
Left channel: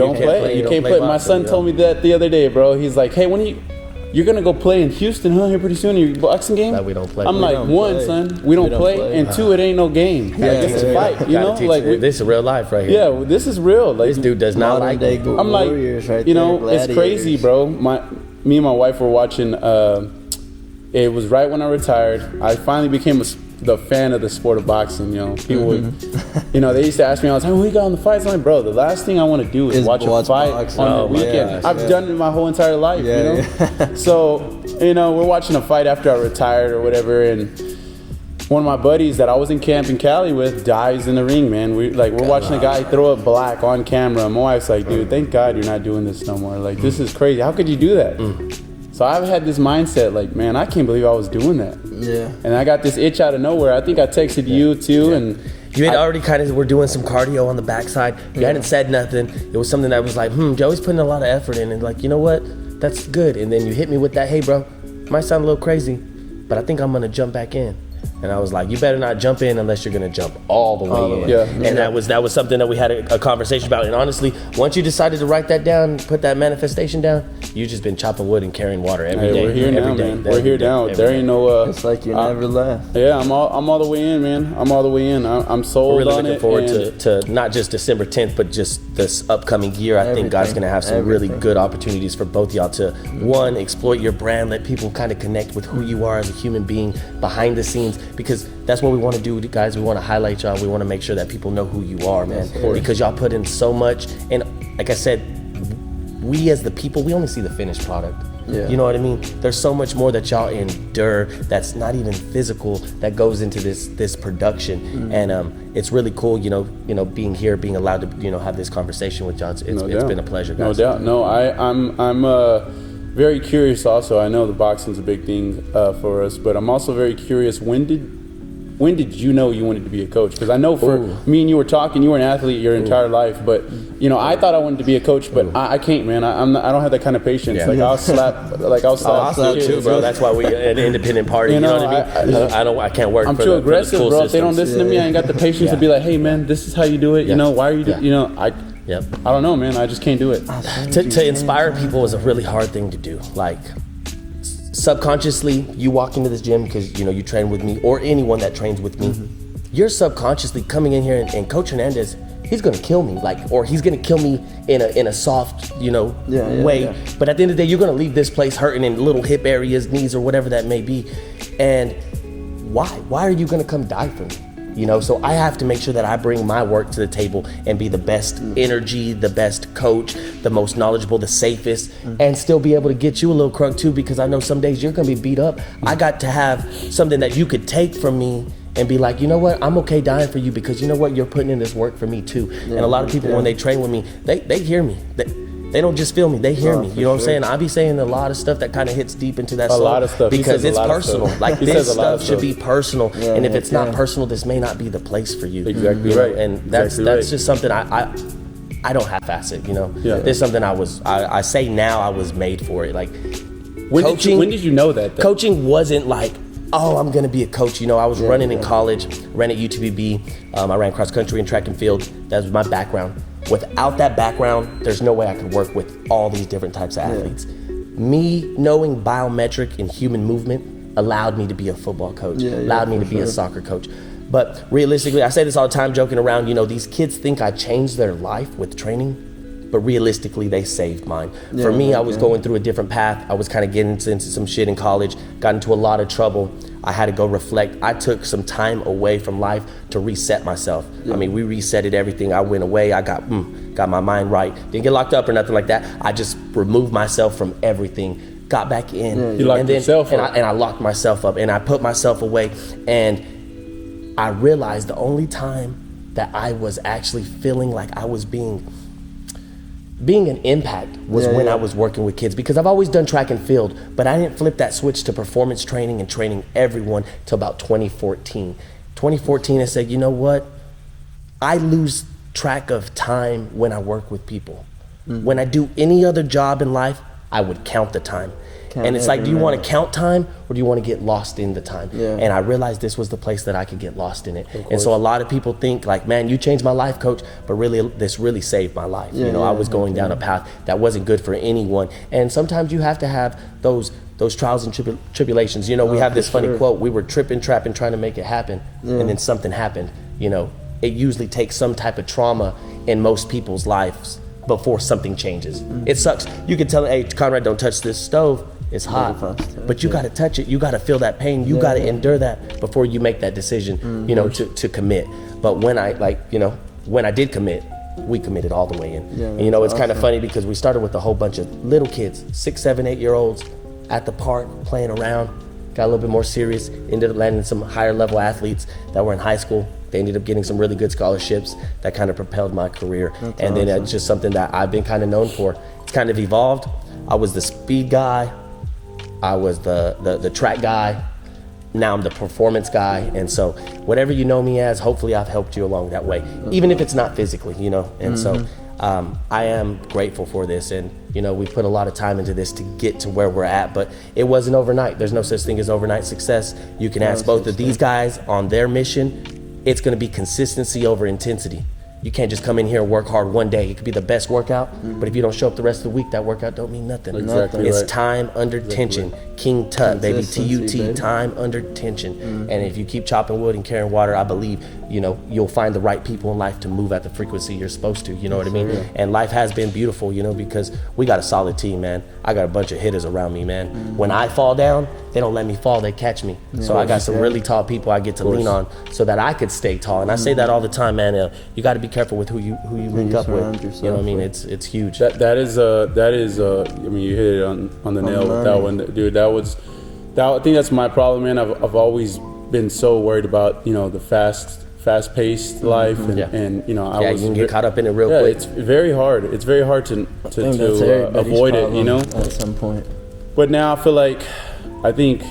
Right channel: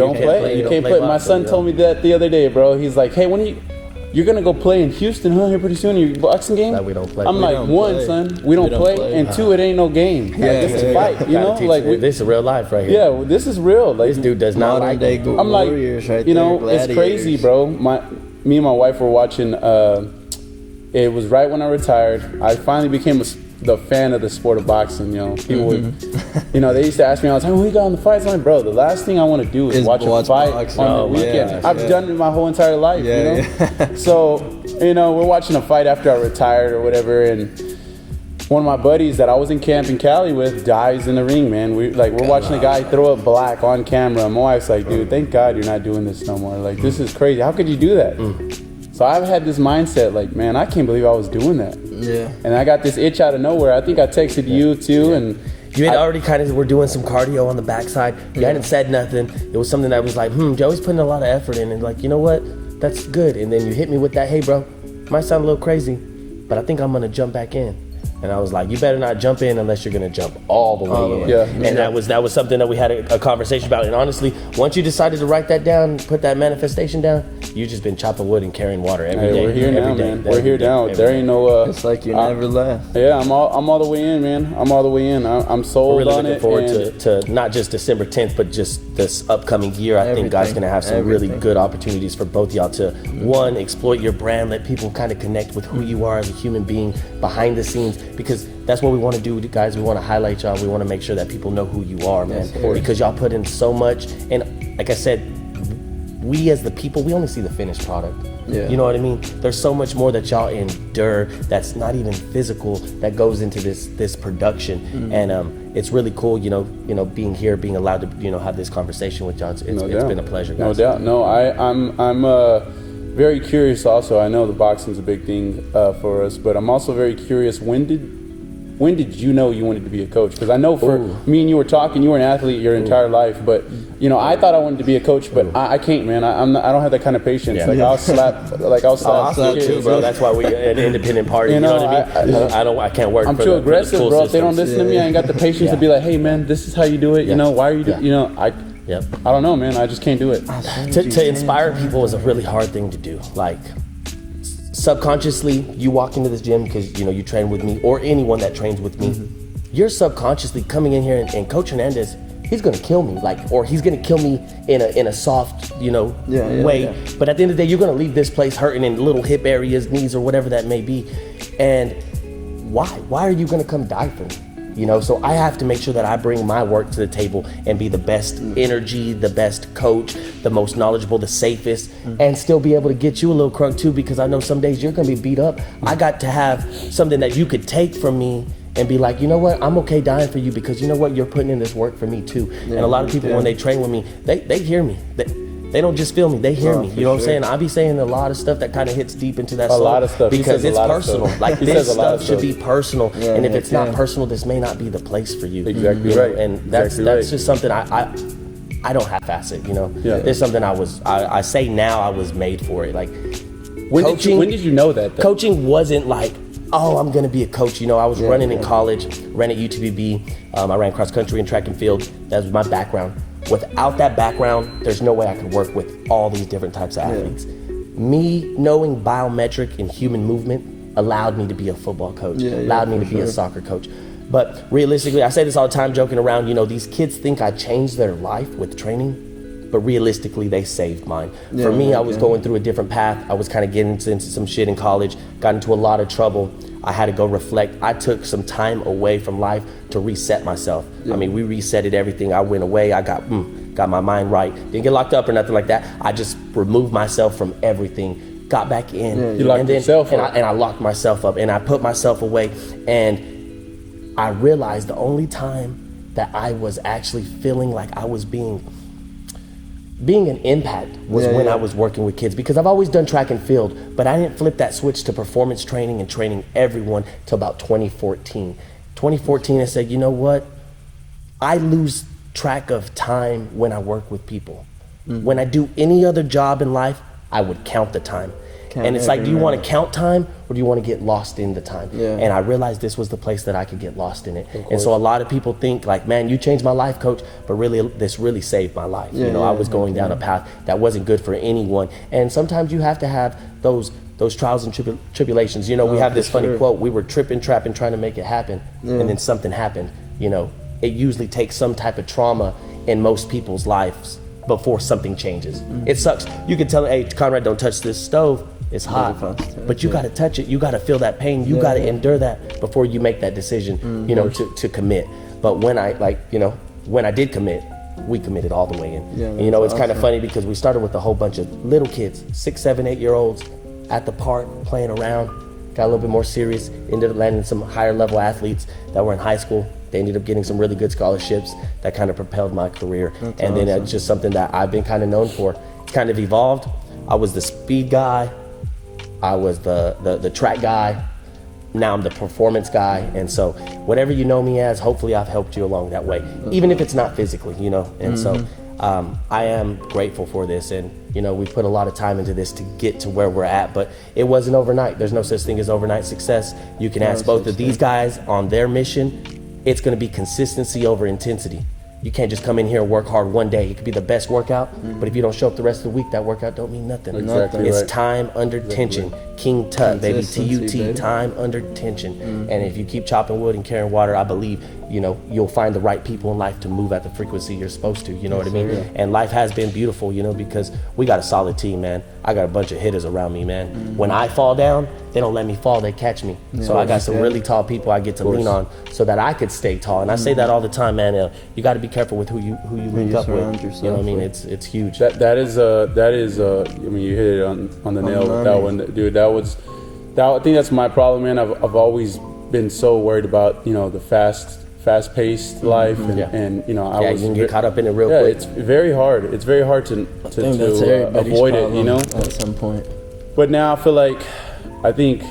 can't play. My son told me that the other day, bro. He's like, hey, you're gonna go play in Houston, here pretty soon. Your boxing game? That we don't play. I'm like, one, son, we don't play, and two, it ain't no game. It's a fight. This is real life right here. Yeah, this is real. Like, this dude does not like. I'm like, warriors right there, it's crazy, bro. Me and my wife were watching. It was right when I retired. I finally became the fan of the sport of boxing. People would, they used to ask me all the time, "When we got on the fights?" I'm like, bro, the last thing I want to do is watch a fight boxing. on the weekend. I've done it my whole entire life. So, we're watching a fight after I retired or whatever, and one of my buddies that I was in camp in Cali with dies in the ring, man. We're watching a guy throw a black on camera. My wife's like, dude, thank God you're not doing this no more. Like, this is crazy. How could you do that? So I've had this mindset, like, man, I can't believe I was doing that. Yeah. And I got this itch out of nowhere. I think I texted you too, and you had already were doing some cardio on the backside. You hadn't said nothing. It was something that was like, Joey's putting a lot of effort in, and like, you know what? that's good. And then you hit me with that, hey bro, might sound a little crazy, but I think I'm gonna jump back in. And I was like, you better not jump in unless you're gonna jump all the way in. Yeah. And that was something that we had a conversation about. And honestly, once you decided to write that down, put that manifestation down, you just been chopping wood and carrying water every day. We're here every now, day, man. We're here now. There ain't no. It's like you never left. Yeah, I'm all the way in, man. I'm all the way in. I'm sold We're really on looking it. forward to not just December 10th, but just this upcoming year. I think God's going to have some really good opportunities for both y'all to, one, exploit your brand, let people kind of connect with who you are as a human being behind the scenes, because that's what we want to do, guys. We want to highlight y'all. We want to make sure that people know who you are, man, because y'all put in so much. And like I said, we as the people, we only see the finished product. Yeah. You know what I mean? There's so much more that y'all endure that's not even physical that goes into this production. And it's really cool, you know, being here, being allowed to, you know, have this conversation with y'all. It's been a pleasure, guys. No doubt. No, I'm very curious also. I know the boxing's a big thing for us, but I'm also very curious, when did you know you wanted to be a coach? Because I know for me and you were talking, you were an athlete your entire life, but you know, I thought I wanted to be a coach, but I can't, man. I don't have that kind of patience. Yeah. Like I'll slap too, bro. That's why we an independent party. You know what I mean? I can't work. I'm for too the aggressive, school bro. If they don't systems. listen to me, I ain't got the patience to be like, hey, man, this is how you do it. You know, why are you? You know, I don't know, man. I just can't do it. To inspire people is a really hard thing to do. Like, subconsciously, you walk into this gym because, you know, you train with me, or anyone that trains with me, you're subconsciously coming in here and Coach Hernandez, he's gonna kill me, like, or he's gonna kill me in a soft, you know, way. Yeah. But at the end of the day, you're gonna leave this place hurting in little hip areas, knees, or whatever that may be. And why are you gonna come die for me? You know, so I have to make sure that I bring my work to the table and be the best energy, the best coach, the most knowledgeable, the safest, and still be able to get you a little crunk too, because I know some days you're gonna be beat up. I got to have something that you could take from me and be like, you know what, I'm okay dying for you, because you know what, you're putting in this work for me too. And a lot of people, when they train with me, they hear me. They don't just feel me, they hear me. You know what I'm saying? I be saying a lot of stuff that kind of hits deep into that soul. A lot of stuff. Because it's personal. Like, this stuff should be personal. Yeah, and if it's not personal, this may not be the place for you. Exactly right. And that's just something I don't half-ass it, you know? Yeah. It's something I say now I was made for it. Like, when did you know that, though? Coaching wasn't like, oh, I'm going to be a coach. You know, I was running in college, ran at UTVB. I ran cross country and track and field. That was my background. Without that background, there's no way I could work with all these different types of athletes. Me knowing biometric and human movement allowed me to be a football coach, allowed me to be a soccer coach. But realistically, I say this all the time, joking around, you know, these kids think I changed their life with training, but realistically, they saved mine. For me, I was going through a different path. I was kind of getting into some shit in college, got into a lot of trouble. I had to go reflect. I took some time away from life to reset myself. I mean, we resetted everything. I went away. I got my mind right. Didn't get locked up or nothing like that. I just removed myself from everything, got back in. I locked myself up, and I put myself away. And I realized the only time that I was actually feeling like I was being an impact was when I was working with kids, because I've always done track and field, but I didn't flip that switch to performance training and training everyone till about 2014. 2014, I said, you know what? I lose track of time when I work with people. When I do any other job in life, I would count the time. And it's like, do you want to count time, or do you want to get lost in the time? And I realized this was the place that I could get lost in it. And so a lot of people think like, man, you changed my life, coach, but really, this really saved my life. You know, I was going down a path that wasn't good for anyone. And sometimes you have to have those trials and tribulations. You know, we have this funny quote, we were tripping, trapping, trying to make it happen. And then something happened. You know, it usually takes some type of trauma in most people's lives before something changes. It sucks. You can tell them, hey, Conrad, don't touch this stove. It's hot, but you got to touch it. You got to feel that pain. You got to endure that before you make that decision, you know, to commit. But when I did commit, we committed all the way in. And you know, it's kind of funny because we started with a whole bunch of little kids, 6, 7, 8-year-olds at the park playing around, got a little bit more serious, ended up landing some higher level athletes that were in high school. They ended up getting some really good scholarships that kind of propelled my career. And then it's just something that I've been kind of known for. It's kind of evolved. I was the speed guy. I was the track guy. Now I'm the performance guy. And so whatever you know me as, hopefully I've helped you along that way, even if it's not physically, you know. And so I am grateful for this, and we put a lot of time into this to get to where we're at, but it wasn't overnight. There's no such thing as overnight success. You can ask both of these guys on their mission. It's going to be consistency over intensity. You can't just come in here and work hard one day. It could be the best workout, but if you don't show up the rest of the week, that workout don't mean nothing. Exactly It's right. time under tension. King Tut, baby, Consistency, TUT, baby. time under tension. And if you keep chopping wood and carrying water, I believe, you'll find the right people in life to move at the frequency you're supposed to, you know what I mean? And life has been beautiful, because we got a solid team, man. I got a bunch of hitters around me, man. When I fall down, they don't let me fall, they catch me. So I got some really tall people I get to lean on so that I could stay tall. And I say that all the time, man. You got to be careful with who you link up with. surround You know what I yourself mean? with. It's huge. That is I mean, you hit it on the nail with that one, dude. I think that's my problem, man. I've always been so worried about the fast-paced life, and You can get caught up in it real quick. It's very hard. It's very hard to I think that's everybody's avoid problem it, at some point. But now I feel like I think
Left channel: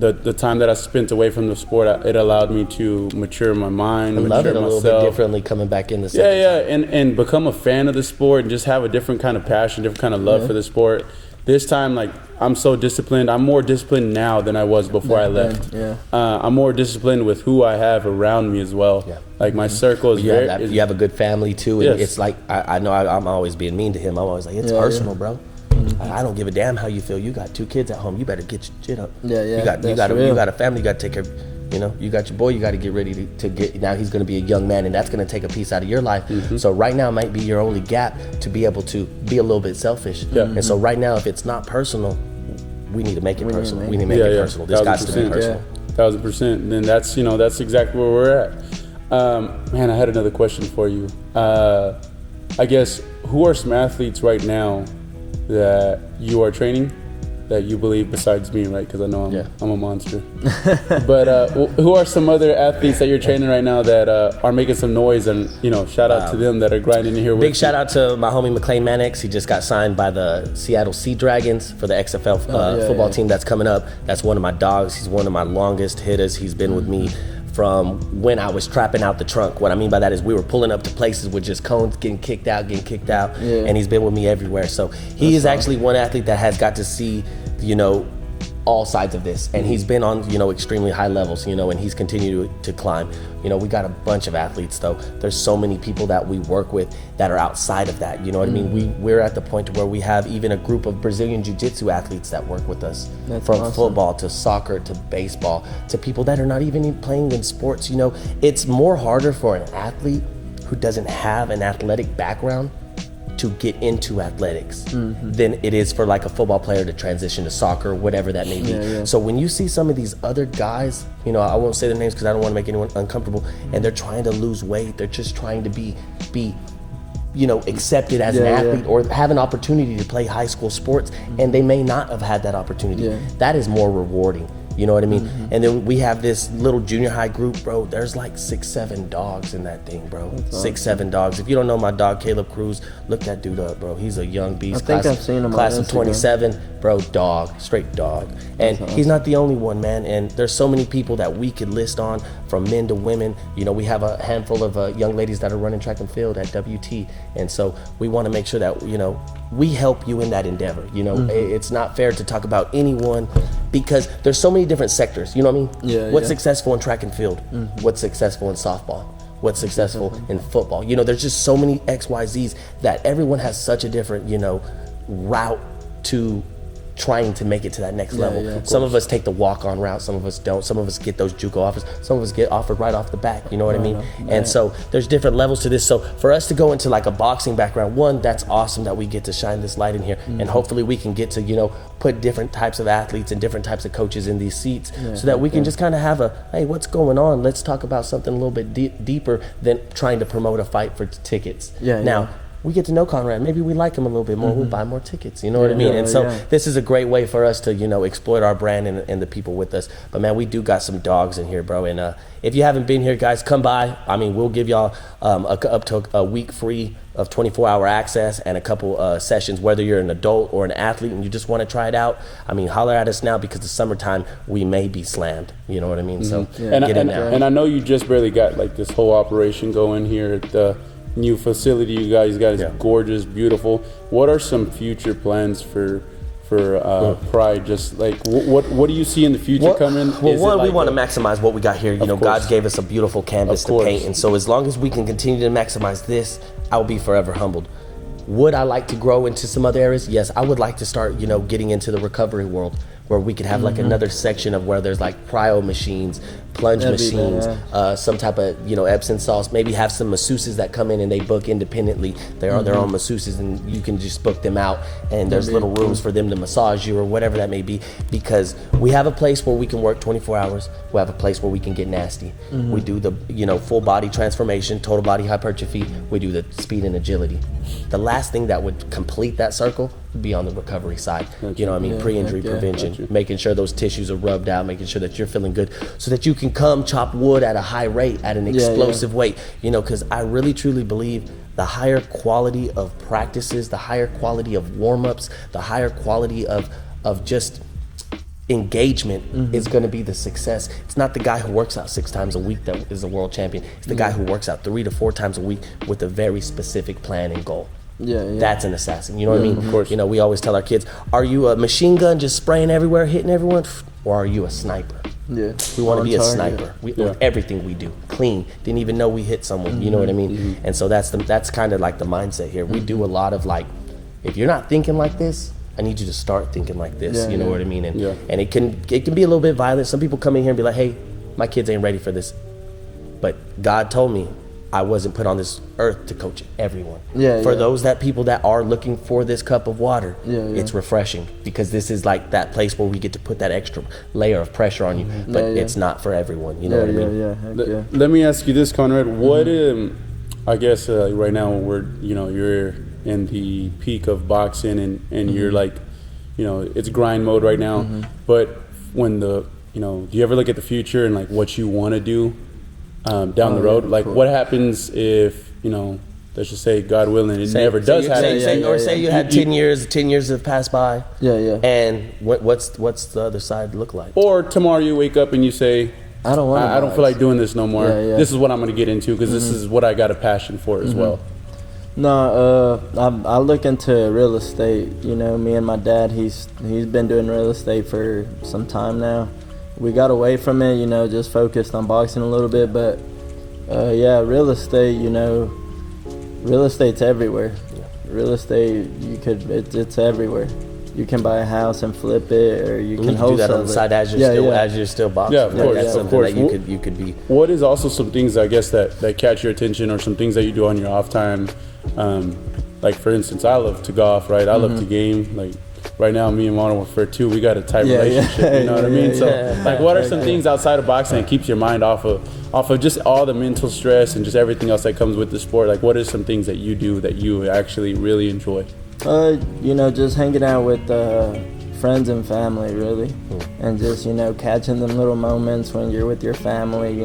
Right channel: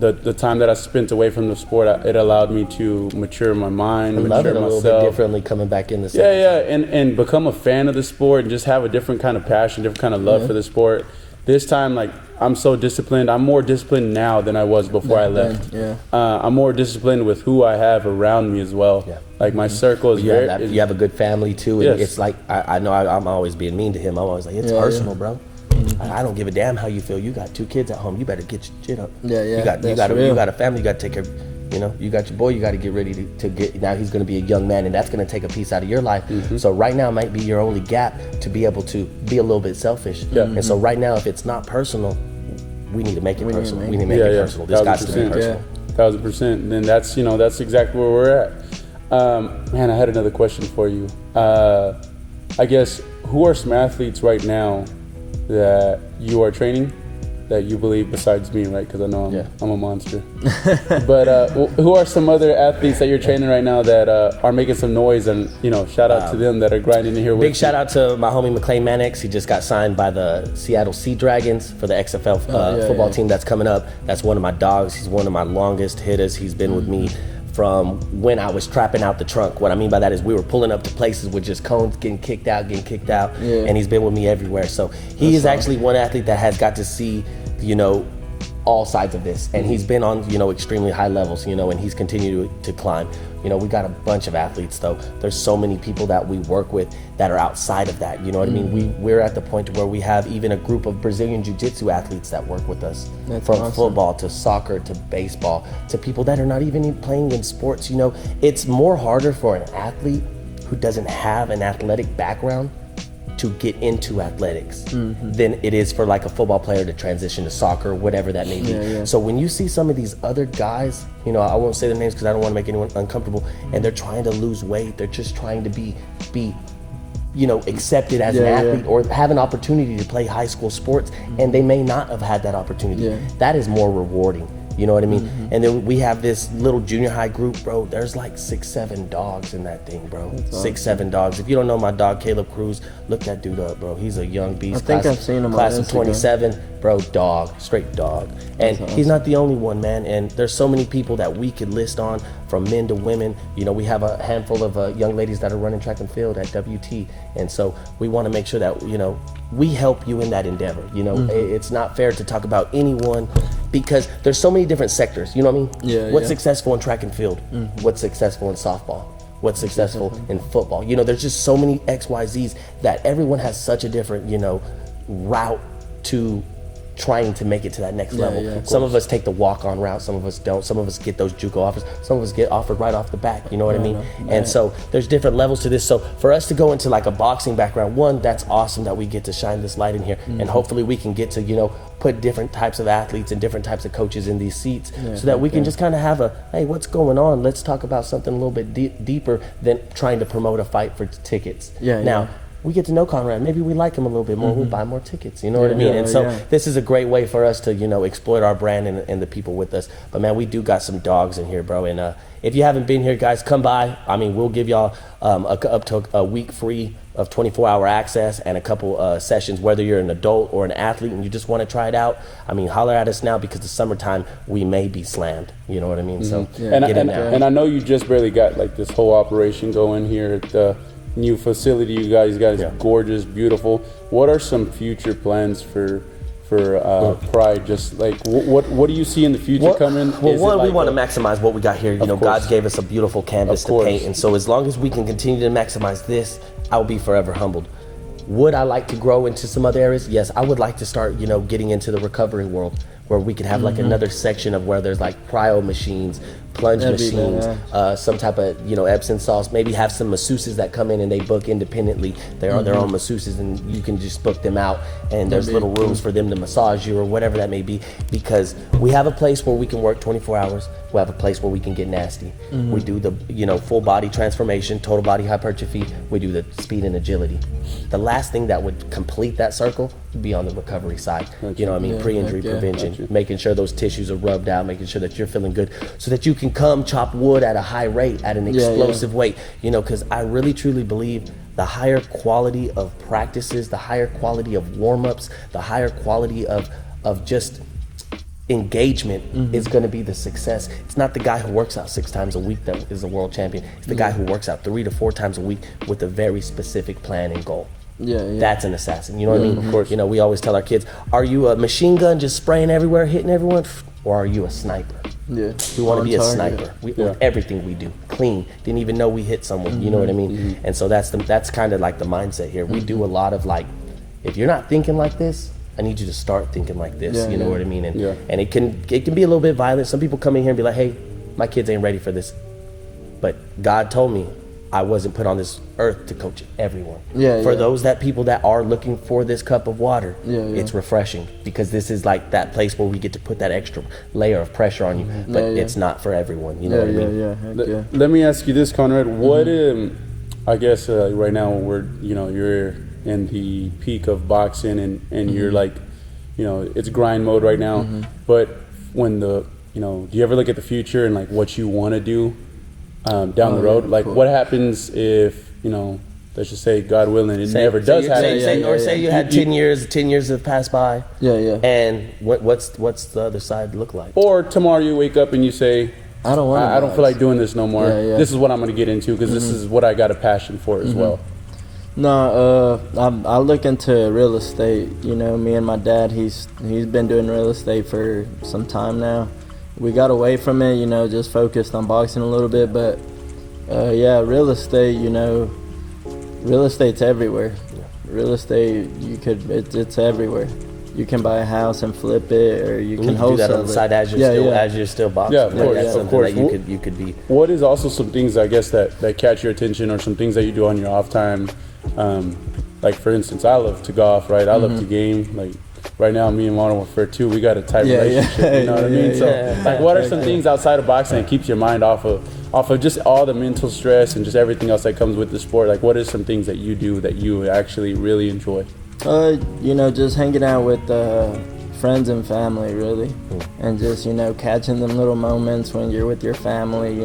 the time that I spent away from the sport, it allowed me to mature my mind, I love mature it a little bit myself. differently coming back in the Yeah, and become a fan of the sport and just have a different kind of passion, different kind of love for the sport. This time, like, I'm so disciplined. I'm more disciplined now than I was before I left. I'm more disciplined with who I have around me as well. Yeah. Like, my circle is You have a good family too, and Yes. it's like I know I'm always being mean to him. I'm always like, it's personal, bro. I don't give a damn how you feel. You got 2 kids at home. You better get your shit up. Yeah, You got real. you got a family. You got to take care. You got your boy. You got to get ready to get. Now he's going to be a young man, and that's going to take a piece out of your life. So right now might be your only gap to be able to be a little bit selfish. And so right now, if it's not personal, we need to make it personal. We need to make it personal. This got to be 1000%. personal. 1000%. And then that's exactly where we're at. Man, I had another question for you. I guess, who are some athletes right now that you are training that you believe besides me, right? Because I know I'm a monster. But who are some other athletes that you're training right now that are making some noise, and shout out to them that are grinding in here with Big shout out to my homie McLean Mannix. He just got signed by the Seattle Sea Dragons for the XFL football team that's coming up. That's one of my dogs. He's one of my longest hitters. He's been with me from when I was trapping out the trunk. What I mean by that is we were pulling up to places with just cones getting kicked out, and he's been with me everywhere. So he is actually one athlete that has got to see, all sides of this, and he's been on, extremely high levels, and he's continued to climb. We got a bunch of athletes though. There's so many people that we work with that are outside of that. You know what I mean? We're at the point where we have even a group of Brazilian Jiu-Jitsu athletes that work with us. That's from awesome. football to soccer to baseball to people that are not even playing in sports. It's more harder for an athlete who doesn't have an athletic background to get into athletics than it is for like a football player to transition to soccer, whatever that may be. So when you see some of these other guys, I won't say their names because I don't want to make anyone uncomfortable, and they're trying to lose weight, they're just trying to be accepted as an athlete or have an opportunity to play high school sports, and they may not have had that opportunity. That is more rewarding. You know what I mean? And then we have this little junior high group, bro. There's like 6-7 dogs in that thing, bro. That's awesome. 6-7 dogs. If you don't know my dog, Caleb Cruz, look that dude up, bro. He's a young beast. I think I've seen him on Class of Instagram. 27, bro, dog, straight dog. And That's he's awesome. not the only one, man. And there's so many people that we could list on, from men to women. We have a handful of young ladies that are running track and field at WT. And so we want to make sure that, we help you in that endeavor. It's not fair to talk about anyone because there's so many different sectors. You know what I mean? What's successful in track and field? What's successful in softball? What's successful in football? There's just so many XYZs that everyone has such a different, route to trying to make it to that next level. Some of us take the walk-on route, some of us don't. Some of us get those JUCO offers, some of us get offered right off the bat, you know what I mean? And so there's different levels to this. So for us to go into like a boxing background, one, that's awesome that we get to shine this light in here, and hopefully we can get to, put different types of athletes and different types of coaches in these seats so that we can just kind of have a, hey, what's going on? Let's talk about something a little bit deeper than trying to promote a fight for tickets. Now, we get to know Conrad. Maybe we like him a little bit more. We'll buy more tickets. You know what I mean? And so this is a great way for us to, exploit our brand and the people with us. But man, we do got some dogs in here, bro. And if you haven't been here, guys, come by. I mean, we'll give y'all up to a week free of 24-hour access and a couple sessions, whether you're an adult or an athlete and you just want to try it out. I mean, holler at us now because the summertime we may be slammed. You know what I mean? So get in there. And I know you just barely got like this whole operation going here at new facility you guys got is Yeah. gorgeous, beautiful. What are some future plans for Pride? Just like what do you see in the future coming? Well, Is it one, we like want to maximize what we got here. You know, course. God gave us a beautiful canvas Of to course. paint, and so as long as we can continue to maximize this, I will be forever humbled. Would I like to grow into some other areas? Yes, I would like to start, you know, getting into the recovery world where we could have like another section of where there's like cryo machines, plunge That'd be machines, badass. some type of, you know, Epsom sauce. Maybe have some masseuses that come in and they book independently. They are their own masseuses and you can just book them out and there's little rooms for them to massage you or whatever that may be, because we have a place where we can work 24 hours. We have a place where we can get nasty. We do the, you know, full body transformation, total body hypertrophy. We do the speed and agility. The last thing that would complete that circle would be on the recovery side. You know what I mean? Yeah, Pre-injury heck yeah. prevention, making sure those tissues are rubbed out, making sure that you're feeling good so that you can come chop wood at a high rate, at an explosive weight. You know, because I really truly believe the higher quality of practices, the higher quality of warm-ups, the higher quality of just engagement is going to be the success. It's not the guy who works out 6 times a week that is a world champion. It's the guy who works out 3 to 4 times a week with a very specific plan and goal. Yeah. That's an assassin. You know what I mean? course. You know, we always tell our kids, are you a machine gun just spraying everywhere, hitting everyone? Or are you a sniper? Yeah. We want to On be a target. sniper. With everything we do, clean. Didn't even know we hit someone. You know what I mean? And so that's kind of like the mindset here. We do a lot of like, if you're not thinking like this, I need you to start thinking like this. Yeah, you know yeah. what I mean? And Yeah. and it can be a little bit violent. Some people come in here and be like, hey, my kids ain't ready for this. But God told me I wasn't put on this earth to coach everyone. Yeah, For yeah. those people that are looking for this cup of water, Yeah, yeah. it's refreshing because this is like that place where we get to put that extra layer of pressure on you. But Yeah, yeah. it's not for everyone. You know Yeah, what I mean? heck yeah. Let me ask you this, Conrad. What I guess right now you're in the peak of boxing and you're like, it's grind mode right now. But when do you ever look at the future and like what you want to do down the road? Yeah, like cool. what happens if let's just say God willing it never does happen. Say you had 10 years have passed by. Yeah. And what's the other side look like? Or tomorrow you wake up and you say, I don't want to. I don't feel like doing this no more. Yeah. This is what I'm going to get into because this is what I got a passion for as well. No, I look into real estate. Me and my dad, he's been doing real estate for some time now. We got away from it, just focused on boxing a little bit. But real estate, real estate's everywhere. Real estate, it's everywhere. You can buy a house and flip it, or you can do that wholesale on the side as you're still boxing. Yeah, of course, That's of something course. that you could be. What is also some things I guess that catch your attention, or some things that you do on your off time? Like for instance, I love to golf, right? I love to game. Like right now, me and Mono we got a tight relationship. You know what I mean? So, like, what are some things outside of boxing that keeps your mind off of just all the mental stress and just everything else that comes with the sport? Like, what are some things that you do that you actually really enjoy? Just hanging out with friends and family, really, and just catching them little moments when you're with your family.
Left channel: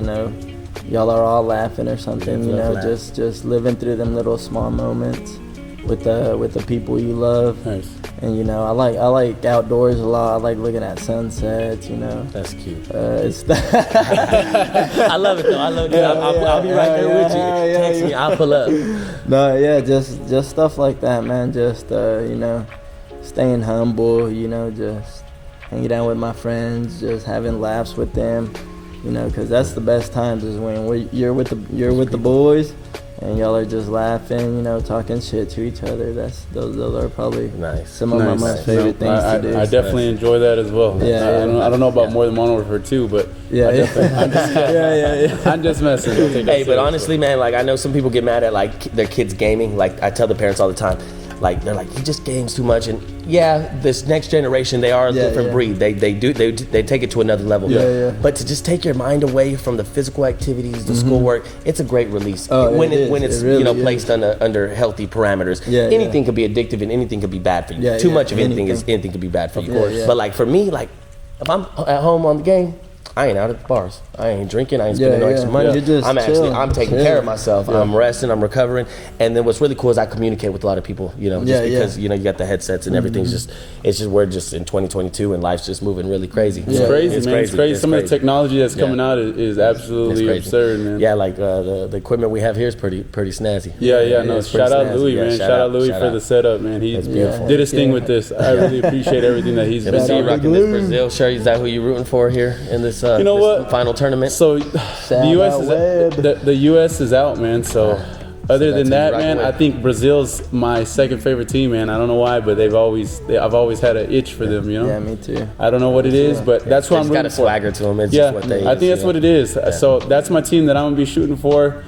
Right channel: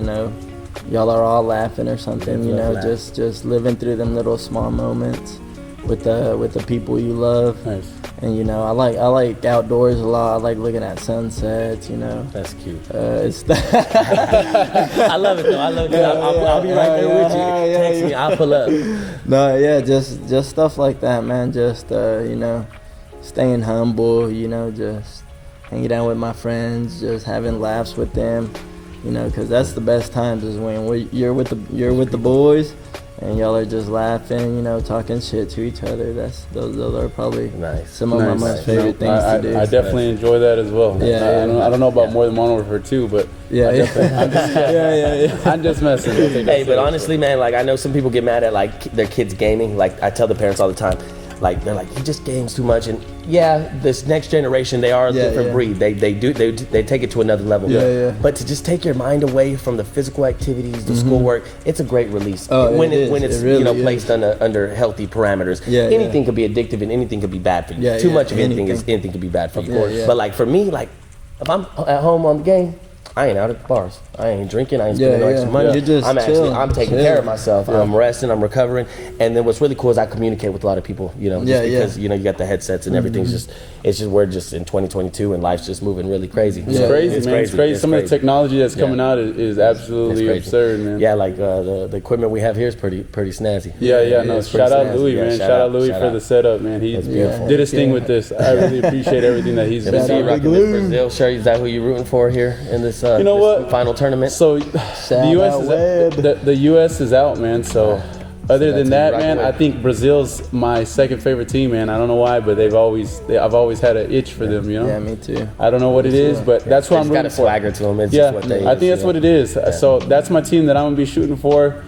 Y'all are all laughing or something. Just living through them little small moments with the people you love. Nice. And I like outdoors a lot. I like looking at sunsets. That's cute. It's I love it though. I'll be right there with you. Text me. I'll pull up. No, yeah, just stuff like that, man. Just staying humble. Just hanging out with my friends, just having laughs with them. Because that's the best times is when you're with the boys. And y'all are just laughing, talking shit to each other. Those are probably some of my most favorite things to do. I definitely enjoy that as well. Yeah. I don't know about more than one over two, but Yeah. I'm just messing. Hey, but honestly, man, like I know some people get mad at like their kids gaming. Like I tell the parents all the time, like they're like, he just games too much. And this next generation, they are a different breed. They take it to another level. Yeah. But to just take your mind away from the physical activities, the schoolwork, it's a great release. Oh, when it it's really is. placed under healthy parameters. Anything could be addictive and anything could be bad for you. Too much of anything could be bad for you. Yeah. But like for me, like if I'm at home on the game, I ain't out at the bars. I ain't drinking. I ain't spending no extra money. You're just I'm taking care of myself. I'm resting. I'm recovering. And then what's really cool is I communicate with a lot of people. Because you got the headsets and everything's we're just in 2022 and life's just moving really crazy. It's crazy, man. It's crazy. Some of the technology that's coming out is absolutely absurd, man. Yeah, like the equipment we have here is pretty snazzy. Shout out Louis, man. Shout out Louis for the setup, man. He did his thing with this. I really appreciate everything that he's been doing. Rocking this Brazil shirt. Is that who you're rooting for here in this? You know what? Final tournament. So the U.S. is out, man. So other than that, man, I think Brazil's my second favorite team, man. I don't know why, but I've always had an itch for them, you know. Yeah, me too. I don't know what it is, but that's what I'm rooting for. Got a swagger to them. It's just what they I think that's what it is. So that's my team that I'm gonna be shooting for.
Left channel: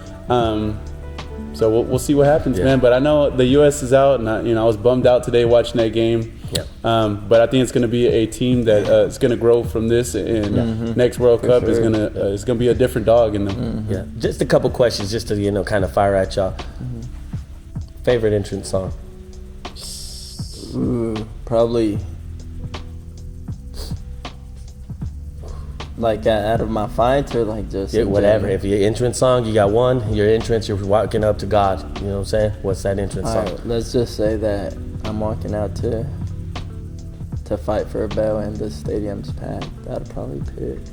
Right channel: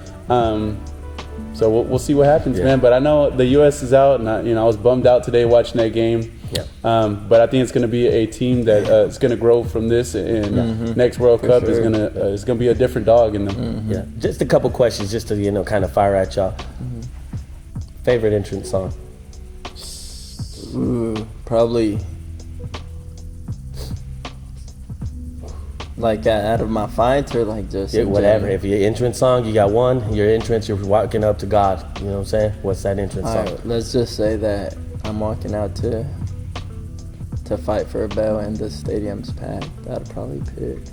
So we'll see what happens, man. But I know the U.S. is out, and I was bummed out today watching that game. Yeah. But I think it's going to be a team that is going to grow from this, and next World Cup is going to be a different dog in them. Yeah. Just a couple questions, just to kind of fire at y'all. Favorite entrance song? Ooh, probably. Like out of my fights or like just whatever. If your entrance song, you got one. Your entrance, you're walking up to God. You know what I'm saying? What's that entrance song? Right, let's just say that I'm walking out to fight for a bell and the stadium's packed. I'd probably pick.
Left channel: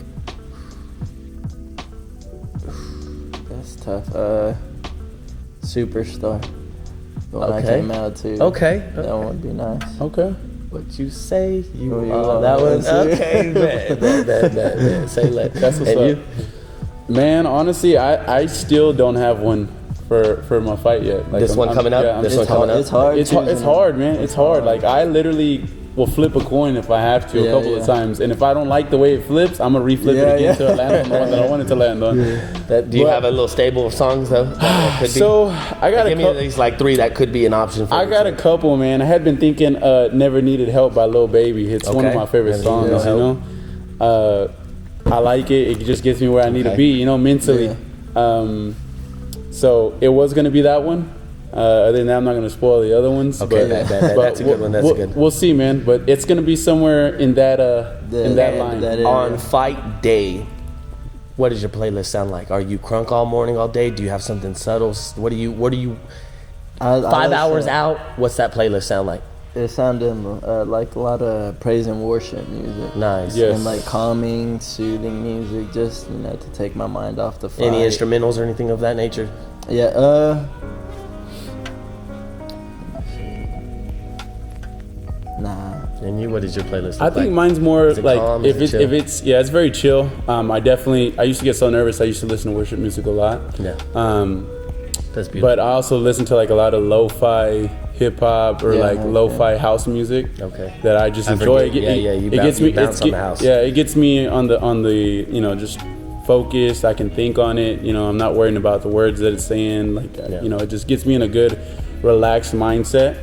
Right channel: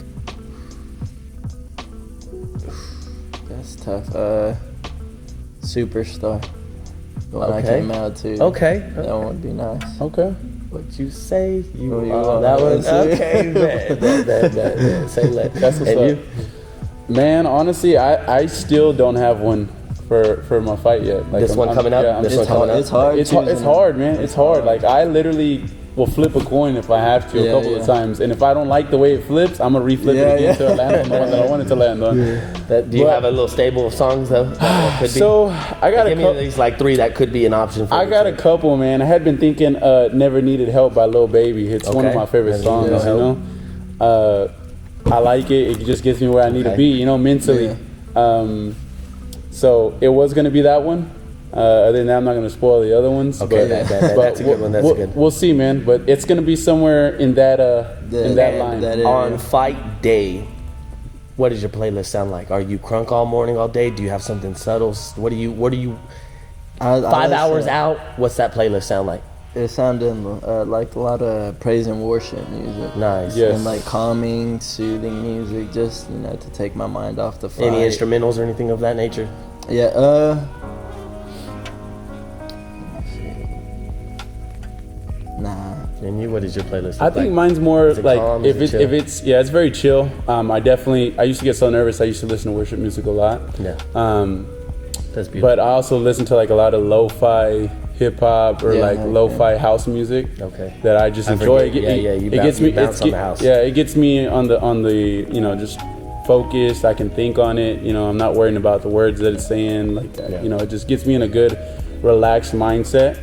That's tough. Superstar. The one I came out to. Okay. That one would be nice. Okay. What you say? You are. That was okay, man. That. Say that. That's what's up. You? Man, honestly, I still don't have one for my fight yet. Like, this one coming up. It's hard. It's hard. It's hard, man. It's hard. Like I literally will flip a coin if I have to a couple of times, and if I don't like the way it flips, I'm gonna reflip it into a land on that I want it to land on. Do you have a little stable of songs though? That could be? I got give me at least like 3 that could be an option for I got a couple, man. I had been thinking "Never Needed Help" by Lil Baby. It's one of my favorite songs. You know, I like it. It just gets me where I need to be, you know, mentally. So it was gonna be that one. Other than that, I'm not going to spoil the other ones. Okay, but that's a good one. That's good. We'll see, man. But it's going to be somewhere in that line. On fight day, what does your playlist sound like? Are you crunk all morning, all day? Do you have something subtle? What do you? 5 hours out. What's that playlist sound like? It sounded like a lot of praise and worship music. Nice. Yes. And like calming, soothing music, just to take my mind off the fight. Any instrumentals or anything of that nature? Yeah. Nah. And you, what is your playlist? I think mine's more like if it's it's very chill. I used to get so nervous. I used to listen to worship music a lot. Yeah. That's beautiful. But I also listen to like a lot of lo-fi hip hop or lo-fi house music. Okay. That I just enjoy. It gets me. On the house. Yeah, it gets me on the just focus. I can think on it. I'm not worrying about the words that it's saying. Like it just gets me in a good, relaxed mindset.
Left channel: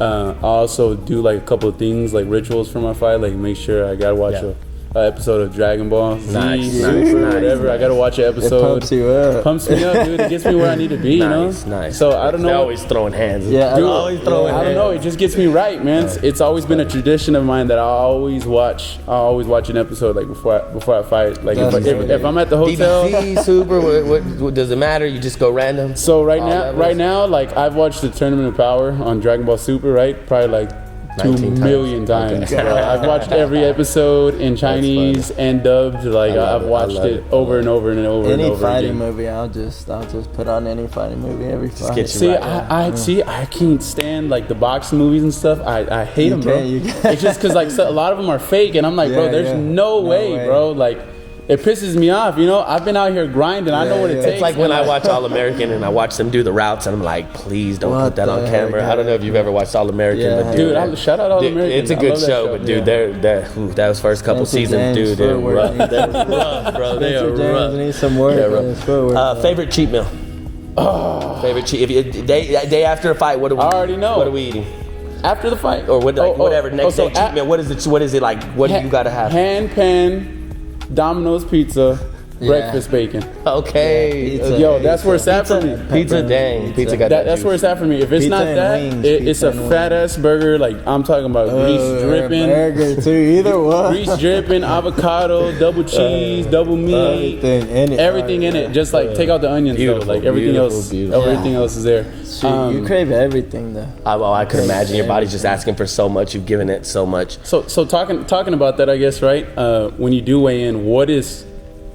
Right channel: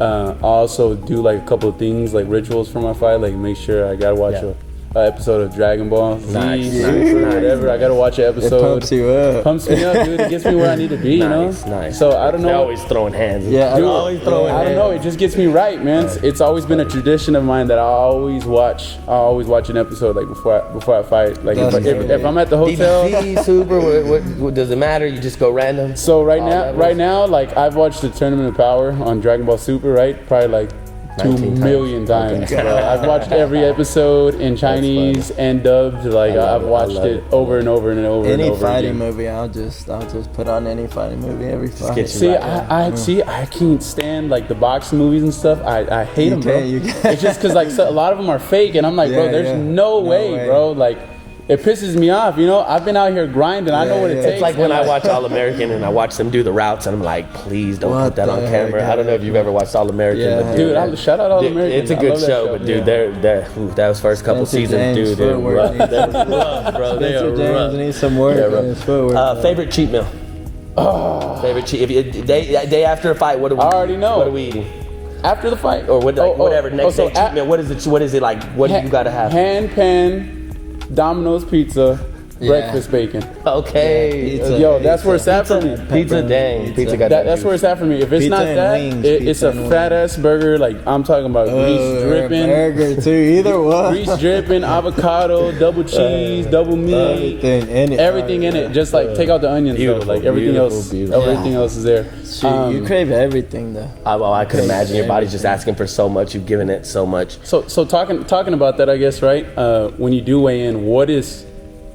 I also do like a couple of things like rituals for my fight, like make sure I gotta watch a episode of Dragon Ball Z, whatever. I gotta watch an episode. It pumps you up. Pumps me up, dude. It gets me where I need to be, Nice. So I don't know. They're always throwing hands. Yeah, always throwing hands. I don't know. It just gets me right, man. It's always been a tradition of mine that I always watch an episode like before I fight. Like if I'm at the hotel. BBC, Super. What does it matter? You just go random. So right now, like I've watched the Tournament of Power on Dragon Ball Super, right? Probably like 2 million times. Okay. I've watched every episode in Chinese and dubbed. Like I've watched it over and over and over. Any and over fighting again. movie, I'll just put on any fighting movie every fight. See, I can't stand like the boxing movies and stuff. I hate them, bro. It's just because like a lot of them are fake, and I'm like, bro, there's no way, bro. Like. It pisses me off, I've been out here grinding. I know what it takes. It's like when I watch All American and I watch them do the routes, and I'm like, please don't put that on camera. I don't know if you've ever watched All American, but dude, shout out All American. It's a good show, but dude, those first couple seasons, dude, they're rough, bro. They are rough. Needs some work on his footwork. Favorite cheat meal? Favorite cheat? Day after a fight, what do we? I already know. What are we eating? After the fight, or whatever. Next day cheat meal. What is it like? What do you gotta have? Hand pan. Domino's pizza, breakfast bacon. Okay. Yeah, pizza. Yo, that's where it's at for me. Pizza, dang. Pizza got That's where it's at for me. If it's Pizza not and that, wings, it's pizza a and fat ass burger. Like I'm talking about grease dripping, burger too. Either one. grease dripping, avocado, double cheese, double meat, Everything in it. everything in it. Just like take out the onions, Beautiful, though. Like everything beautiful, else, beautiful. everything else is there. Shoot, you crave everything though. I could imagine your body's just asking for so much. You've given it so much. So talking about that, I guess, right? When you do weigh in, what is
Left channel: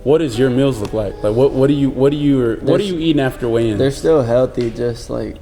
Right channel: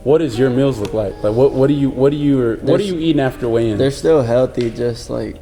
your meals look like? Like what are you eating after weigh in? They're still healthy, just like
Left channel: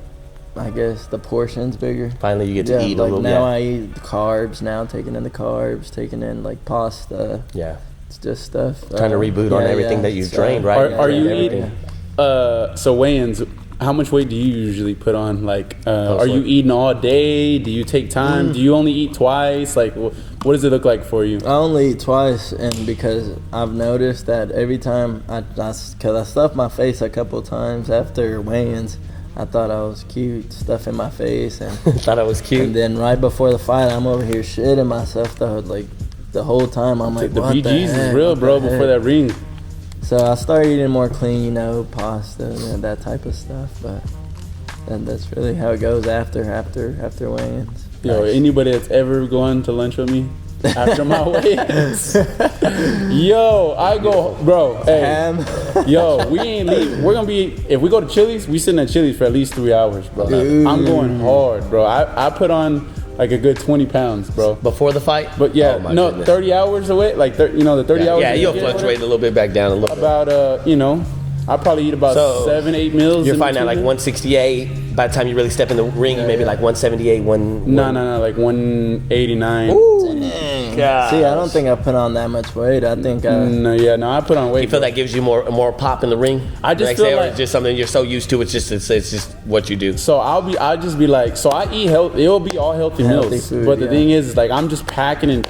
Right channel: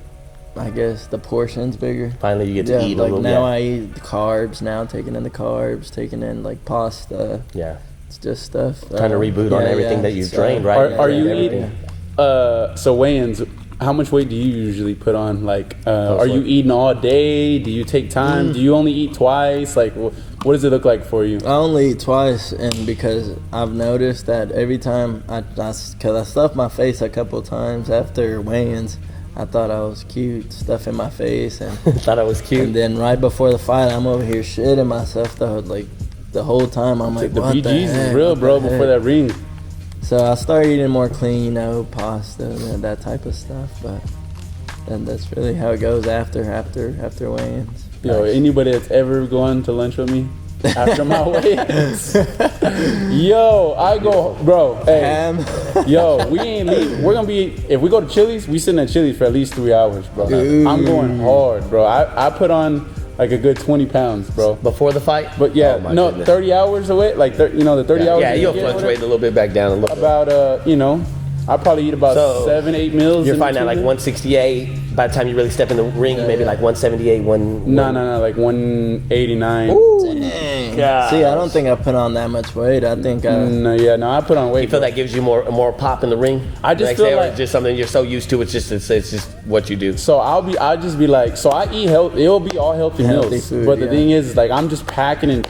I guess the portion's bigger. Finally, you get to eat a like little. now I eat carbs. Now taking in the carbs, taking in like pasta. Yeah. It's just stuff. Trying to reboot on everything that you've trained, right? Are you Everything. eating? So weigh-ins. How much weight do you usually put on? Like, are you eating all day? Do you take time? Do you only eat twice? Like, what does it look like for you? I only eat twice, and because I've noticed that every time because I stuffed my face a couple times after weigh-ins, I thought I was cute, stuffing my face, and Thought I was cute. and then right before the fight, I'm over here shitting myself the whole time. I'm like, The what the BG's heck? is real, What bro. the Before heck? that ring. So I started eating more clean, pasta and that type of stuff. But and that's really how it goes after weigh-ins. Yo, anybody that's ever gone to lunch with me after my weigh-ins, yo, I go, bro. Hey, Ham. yo, we ain't leave. We're gonna be if we go to Chili's, we sitting at Chili's for at least 3 hours, bro. I'm going hard, bro. I put on like a good 20 pounds, bro. Before the fight? But yeah, Oh, my no, goodness. 30 hours away, like the 30 hours. Yeah, away, you'll fluctuate a little bit back down a little bit. About I probably eat about So, 7-8 meals. You're in fighting at like between. 168. By the time you really step in the ring, maybe like 178, No, like 189. Dang. God. See, I don't think I put on that much weight. I think No, I put on weight. You feel that gives you more pop in the ring? I just Like, feel say, or like- just something you're so used to. It's just what you do. So I'll just be like, so I eat healthy. It'll be all healthy Healthy meals. food, But the yeah. thing is like I'm just packing it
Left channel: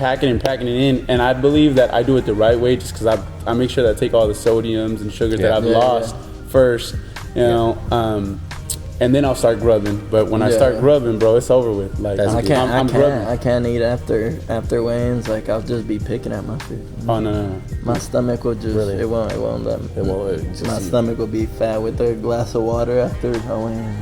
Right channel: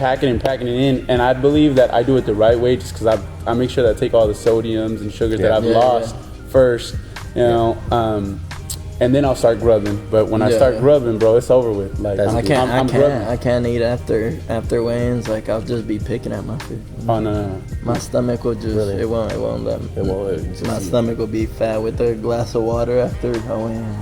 in, and I believe that I do it the right way, just because I make sure that I take all the sodiums and sugars that I've lost first, and then I'll start grubbing. But when I start grubbing, bro, it's over with. Like That's I good. can't. I'm grubbing. I can't eat after weigh-ins. Like I'll just be picking at my food. My stomach will just Really? it won't let me. It won't- My stomach will be fat with a glass of water after a weigh-in.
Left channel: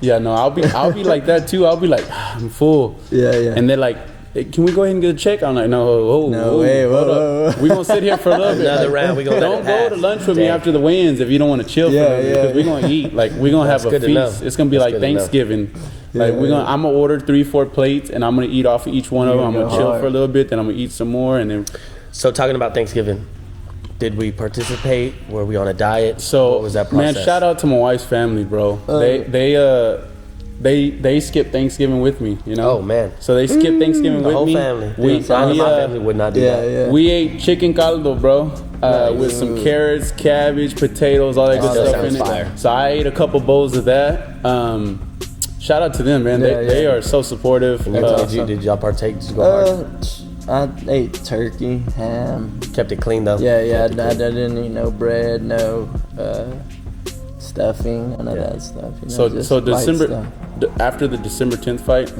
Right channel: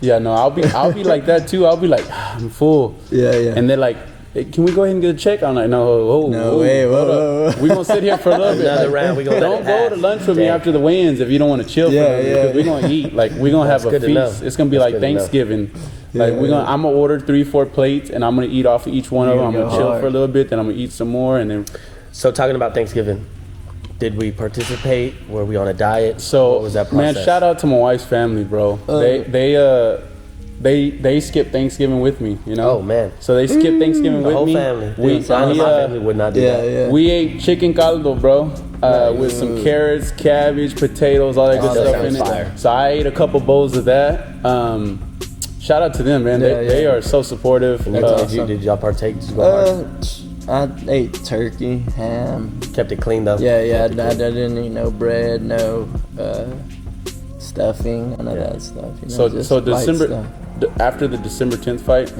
Yeah, no, I'll be like that too. I'll be like, I'm full. Yeah. And they're like, hey, can we go ahead and get a check? I'm like, no, Wait, hold whoa. up. We're going to sit here for a little bit. Another round, we gonna let Don't it go pass. to lunch with me after the weigh-ins if you don't want to chill. Yeah, because we're going to eat. Like, we're going to have a good to know. feast. It's going to be That's like good to know. Thanksgiving. Like, I'm going to order 3-4 plates, and I'm going to eat off of each one of them. I'm You're going to gonna chill go hard. for a little bit, then I'm going to eat some more, and then... So talking about Thanksgiving, did we participate? Were we on a diet? So, what was that process? man, shout out to my wife's family, bro. They skipped Thanksgiving with me, you know? Oh, man. So they skipped Thanksgiving The with whole me. family. We, My family uh, would not do that. Yeah. we ate chicken caldo, bro, with some carrots, cabbage, potatoes, all that good that stuff in sounds it. fire. So I ate a couple bowls of that. Shout out to them, man. They are so supportive. And did y'all partake? Did you go hard? I ate turkey, ham. Kept it clean though. Yeah. I didn't eat no bread, no stuffing, none of that stuff. You know, just So light December stuff. after the December 10th fight,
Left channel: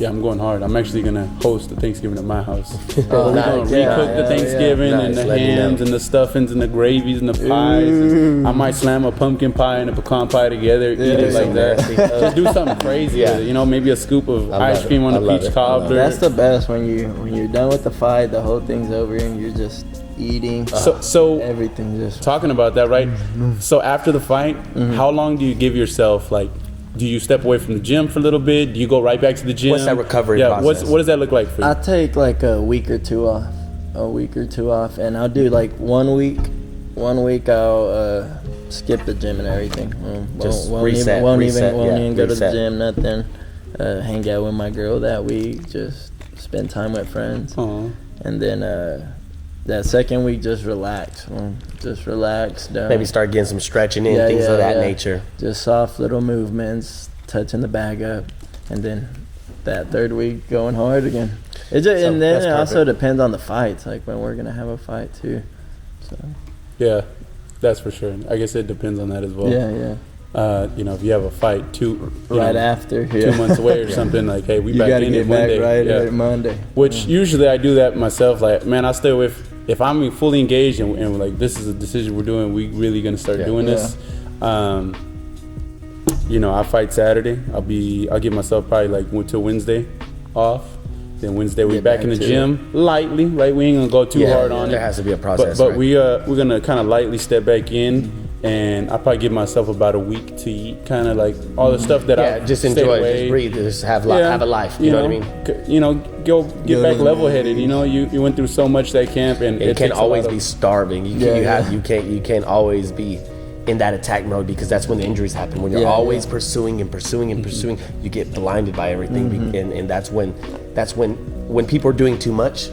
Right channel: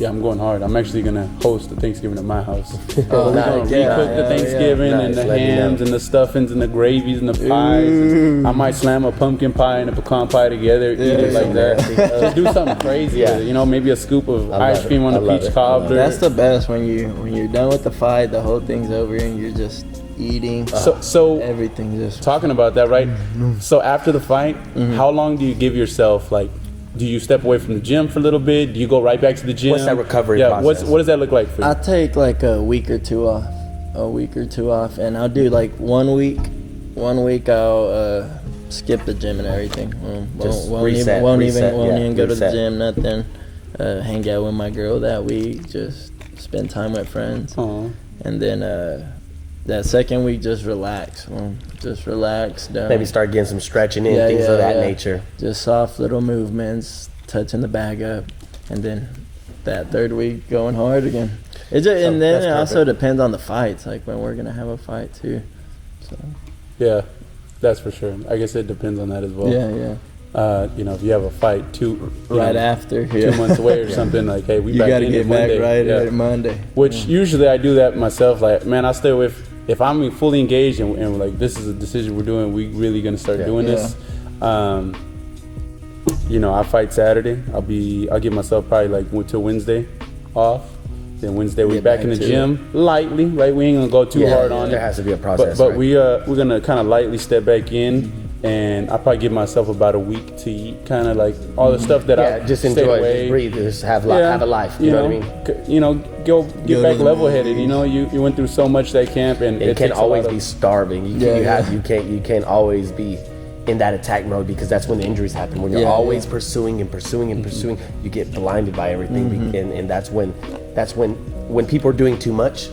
I'm going hard. I'm actually gonna host the Thanksgiving at my house. Oh, We're gonna heck yeah, recook the hell Thanksgiving yeah. and the Nice, let me hams know. and the stuffings and the gravies and the pies. I might slam a pumpkin pie and a pecan pie together, eat it like that. Just do something crazy. Yeah. With it. Maybe a scoop of love ice it. cream on I a love peach it. cobbler. That's the best when you're done with the fight, the whole thing's over and you're just eating. So Everything just talking about that, right? So after the fight, how long do you give yourself? Like, do you step away from the gym for a little bit? Do you go right back to the gym? What's that recovery process? What does that look like for you? I take like a week or two off, and I'll do like 1 week. 1 week I'll skip the gym and everything. Won't even go to the gym. Nothing. Hang out with my girl that week. Just spend time with friends, and then that second week just relax. Just relax. Maybe start getting some stretching in, things of that nature. Just soft little movements, touching the bag up, and then that third week going hard again. And then it also depends on the fights, like when we're gonna have a fight too. So Yeah, that's for sure. I guess it depends on that as well. yeah. If you have a fight After 2 months away or something, like, hey, we you back got to in get it back Monday. right Yeah. at Monday. Which usually I do that myself. Like, man, I stay away if I'm fully engaged and like this is a decision we're doing, we really gonna start doing this. You know, I fight Saturday. I'll give myself probably like till Wednesday off. Then Wednesday we're back in the gym lightly, right? We ain't gonna go too hard on it. There has to be a process, but right? we're gonna kind of lightly step back in, and I'll probably give myself about a week to eat, kind of like all the stuff that I just enjoy, just breathe, just have a life. You know what I mean? You know, get back level-headed. You know, you went through so much that camp, and it can't always be starving. You can't always be in that attack mode, because that's when the injuries happen. When you're always pursuing, you get blinded by everything, and that's when people are doing too much.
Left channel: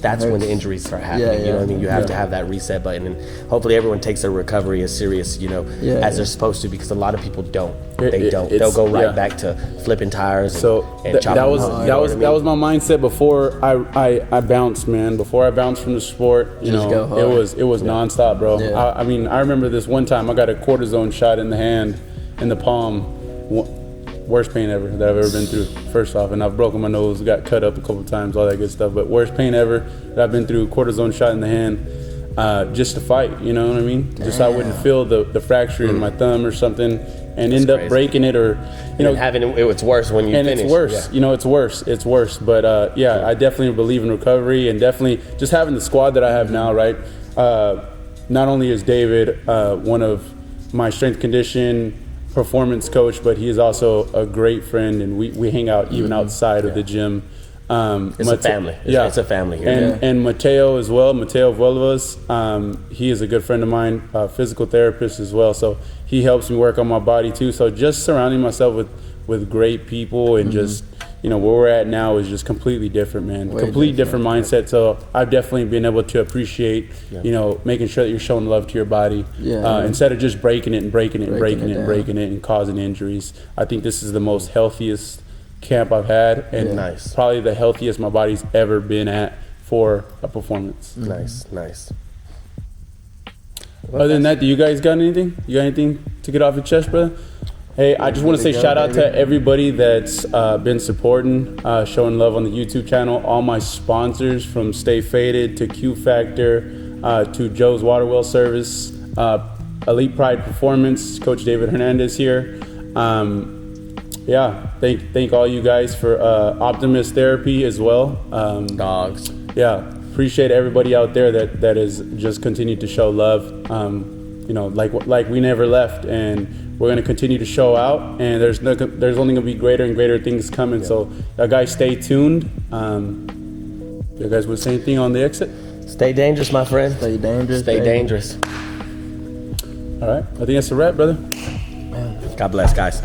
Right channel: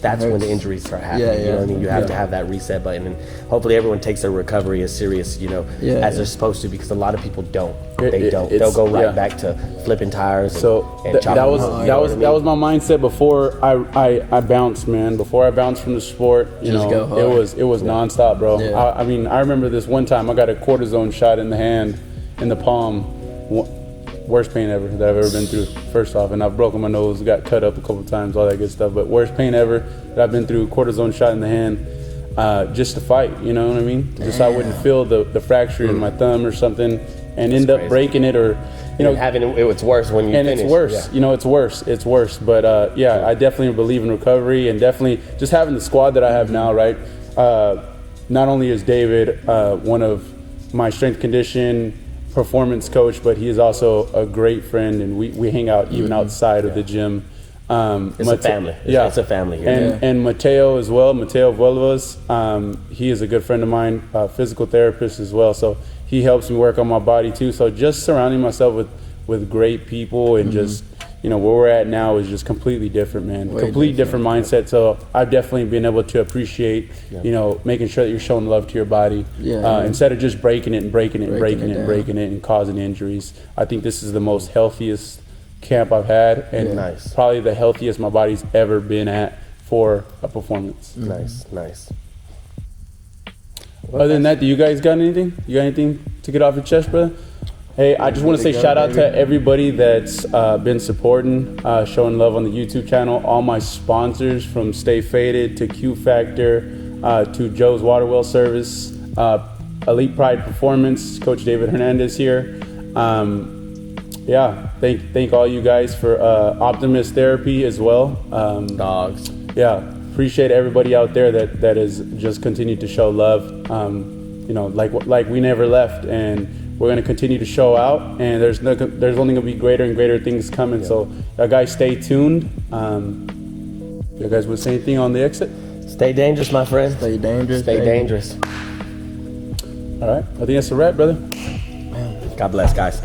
That's when the injuries start happening. You know what I mean? You have to have that reset button, and hopefully everyone takes their recovery as serious, as they're supposed to, because a lot of people don't. They'll go right back to flipping tires. And that was my mindset before I bounced, man. Before I bounced from the sport, go hard. it was nonstop, bro. Yeah. I mean, I remember this one time I got a cortisone shot in the hand, in the palm. Worst pain ever that I've ever been through, first off. And I've broken my nose, got cut up a couple times, all that good stuff. But worst pain ever that I've been through, cortisone shot in the hand, just to fight, you know what I mean? Just so I wouldn't feel the fracture in my thumb or something and end up breaking it, or, it's worse when you finish. It's worse, it's worse. But I definitely believe in recovery, and definitely just having the squad that I have now, right? Not only is David one of my strength condition performance coach, but he is also a great friend, and we hang out even outside of the gym. It's a family. It's a family here. And Mateo as well, Mateo Vuelvas, he is a good friend of mine, physical therapist as well, so he helps me work on my body too. So just surrounding myself with great people, and just where we're at now is just completely different, man. Completely different mindset. So I've definitely been able to appreciate, making sure that you're showing love to your body, instead of just breaking it and causing injuries. I think this is the most healthiest camp I've had, and probably the healthiest my body's ever been at for a performance. Nice. Other than that, do you guys got anything? You got anything to get off your chest, brother? Hey, I just want to say shout out to everybody that's been supporting, showing love on the YouTube channel. All my sponsors, from Stay Faded to Q Factor to Joe's Water Well Service, Elite Pride Performance, Coach David Hernandez here. Thank all you guys for Optimist Therapy as well. Dogs. Appreciate everybody out there that has just continued to show love. Like we never left, and we're going to continue to show out, and there's only going to be greater and greater things coming. So, guys, stay tuned. You guys would say anything on the exit? Stay dangerous, my friend. Stay dangerous. Stay dangerous. All right. I think that's a wrap, brother. God bless, guys.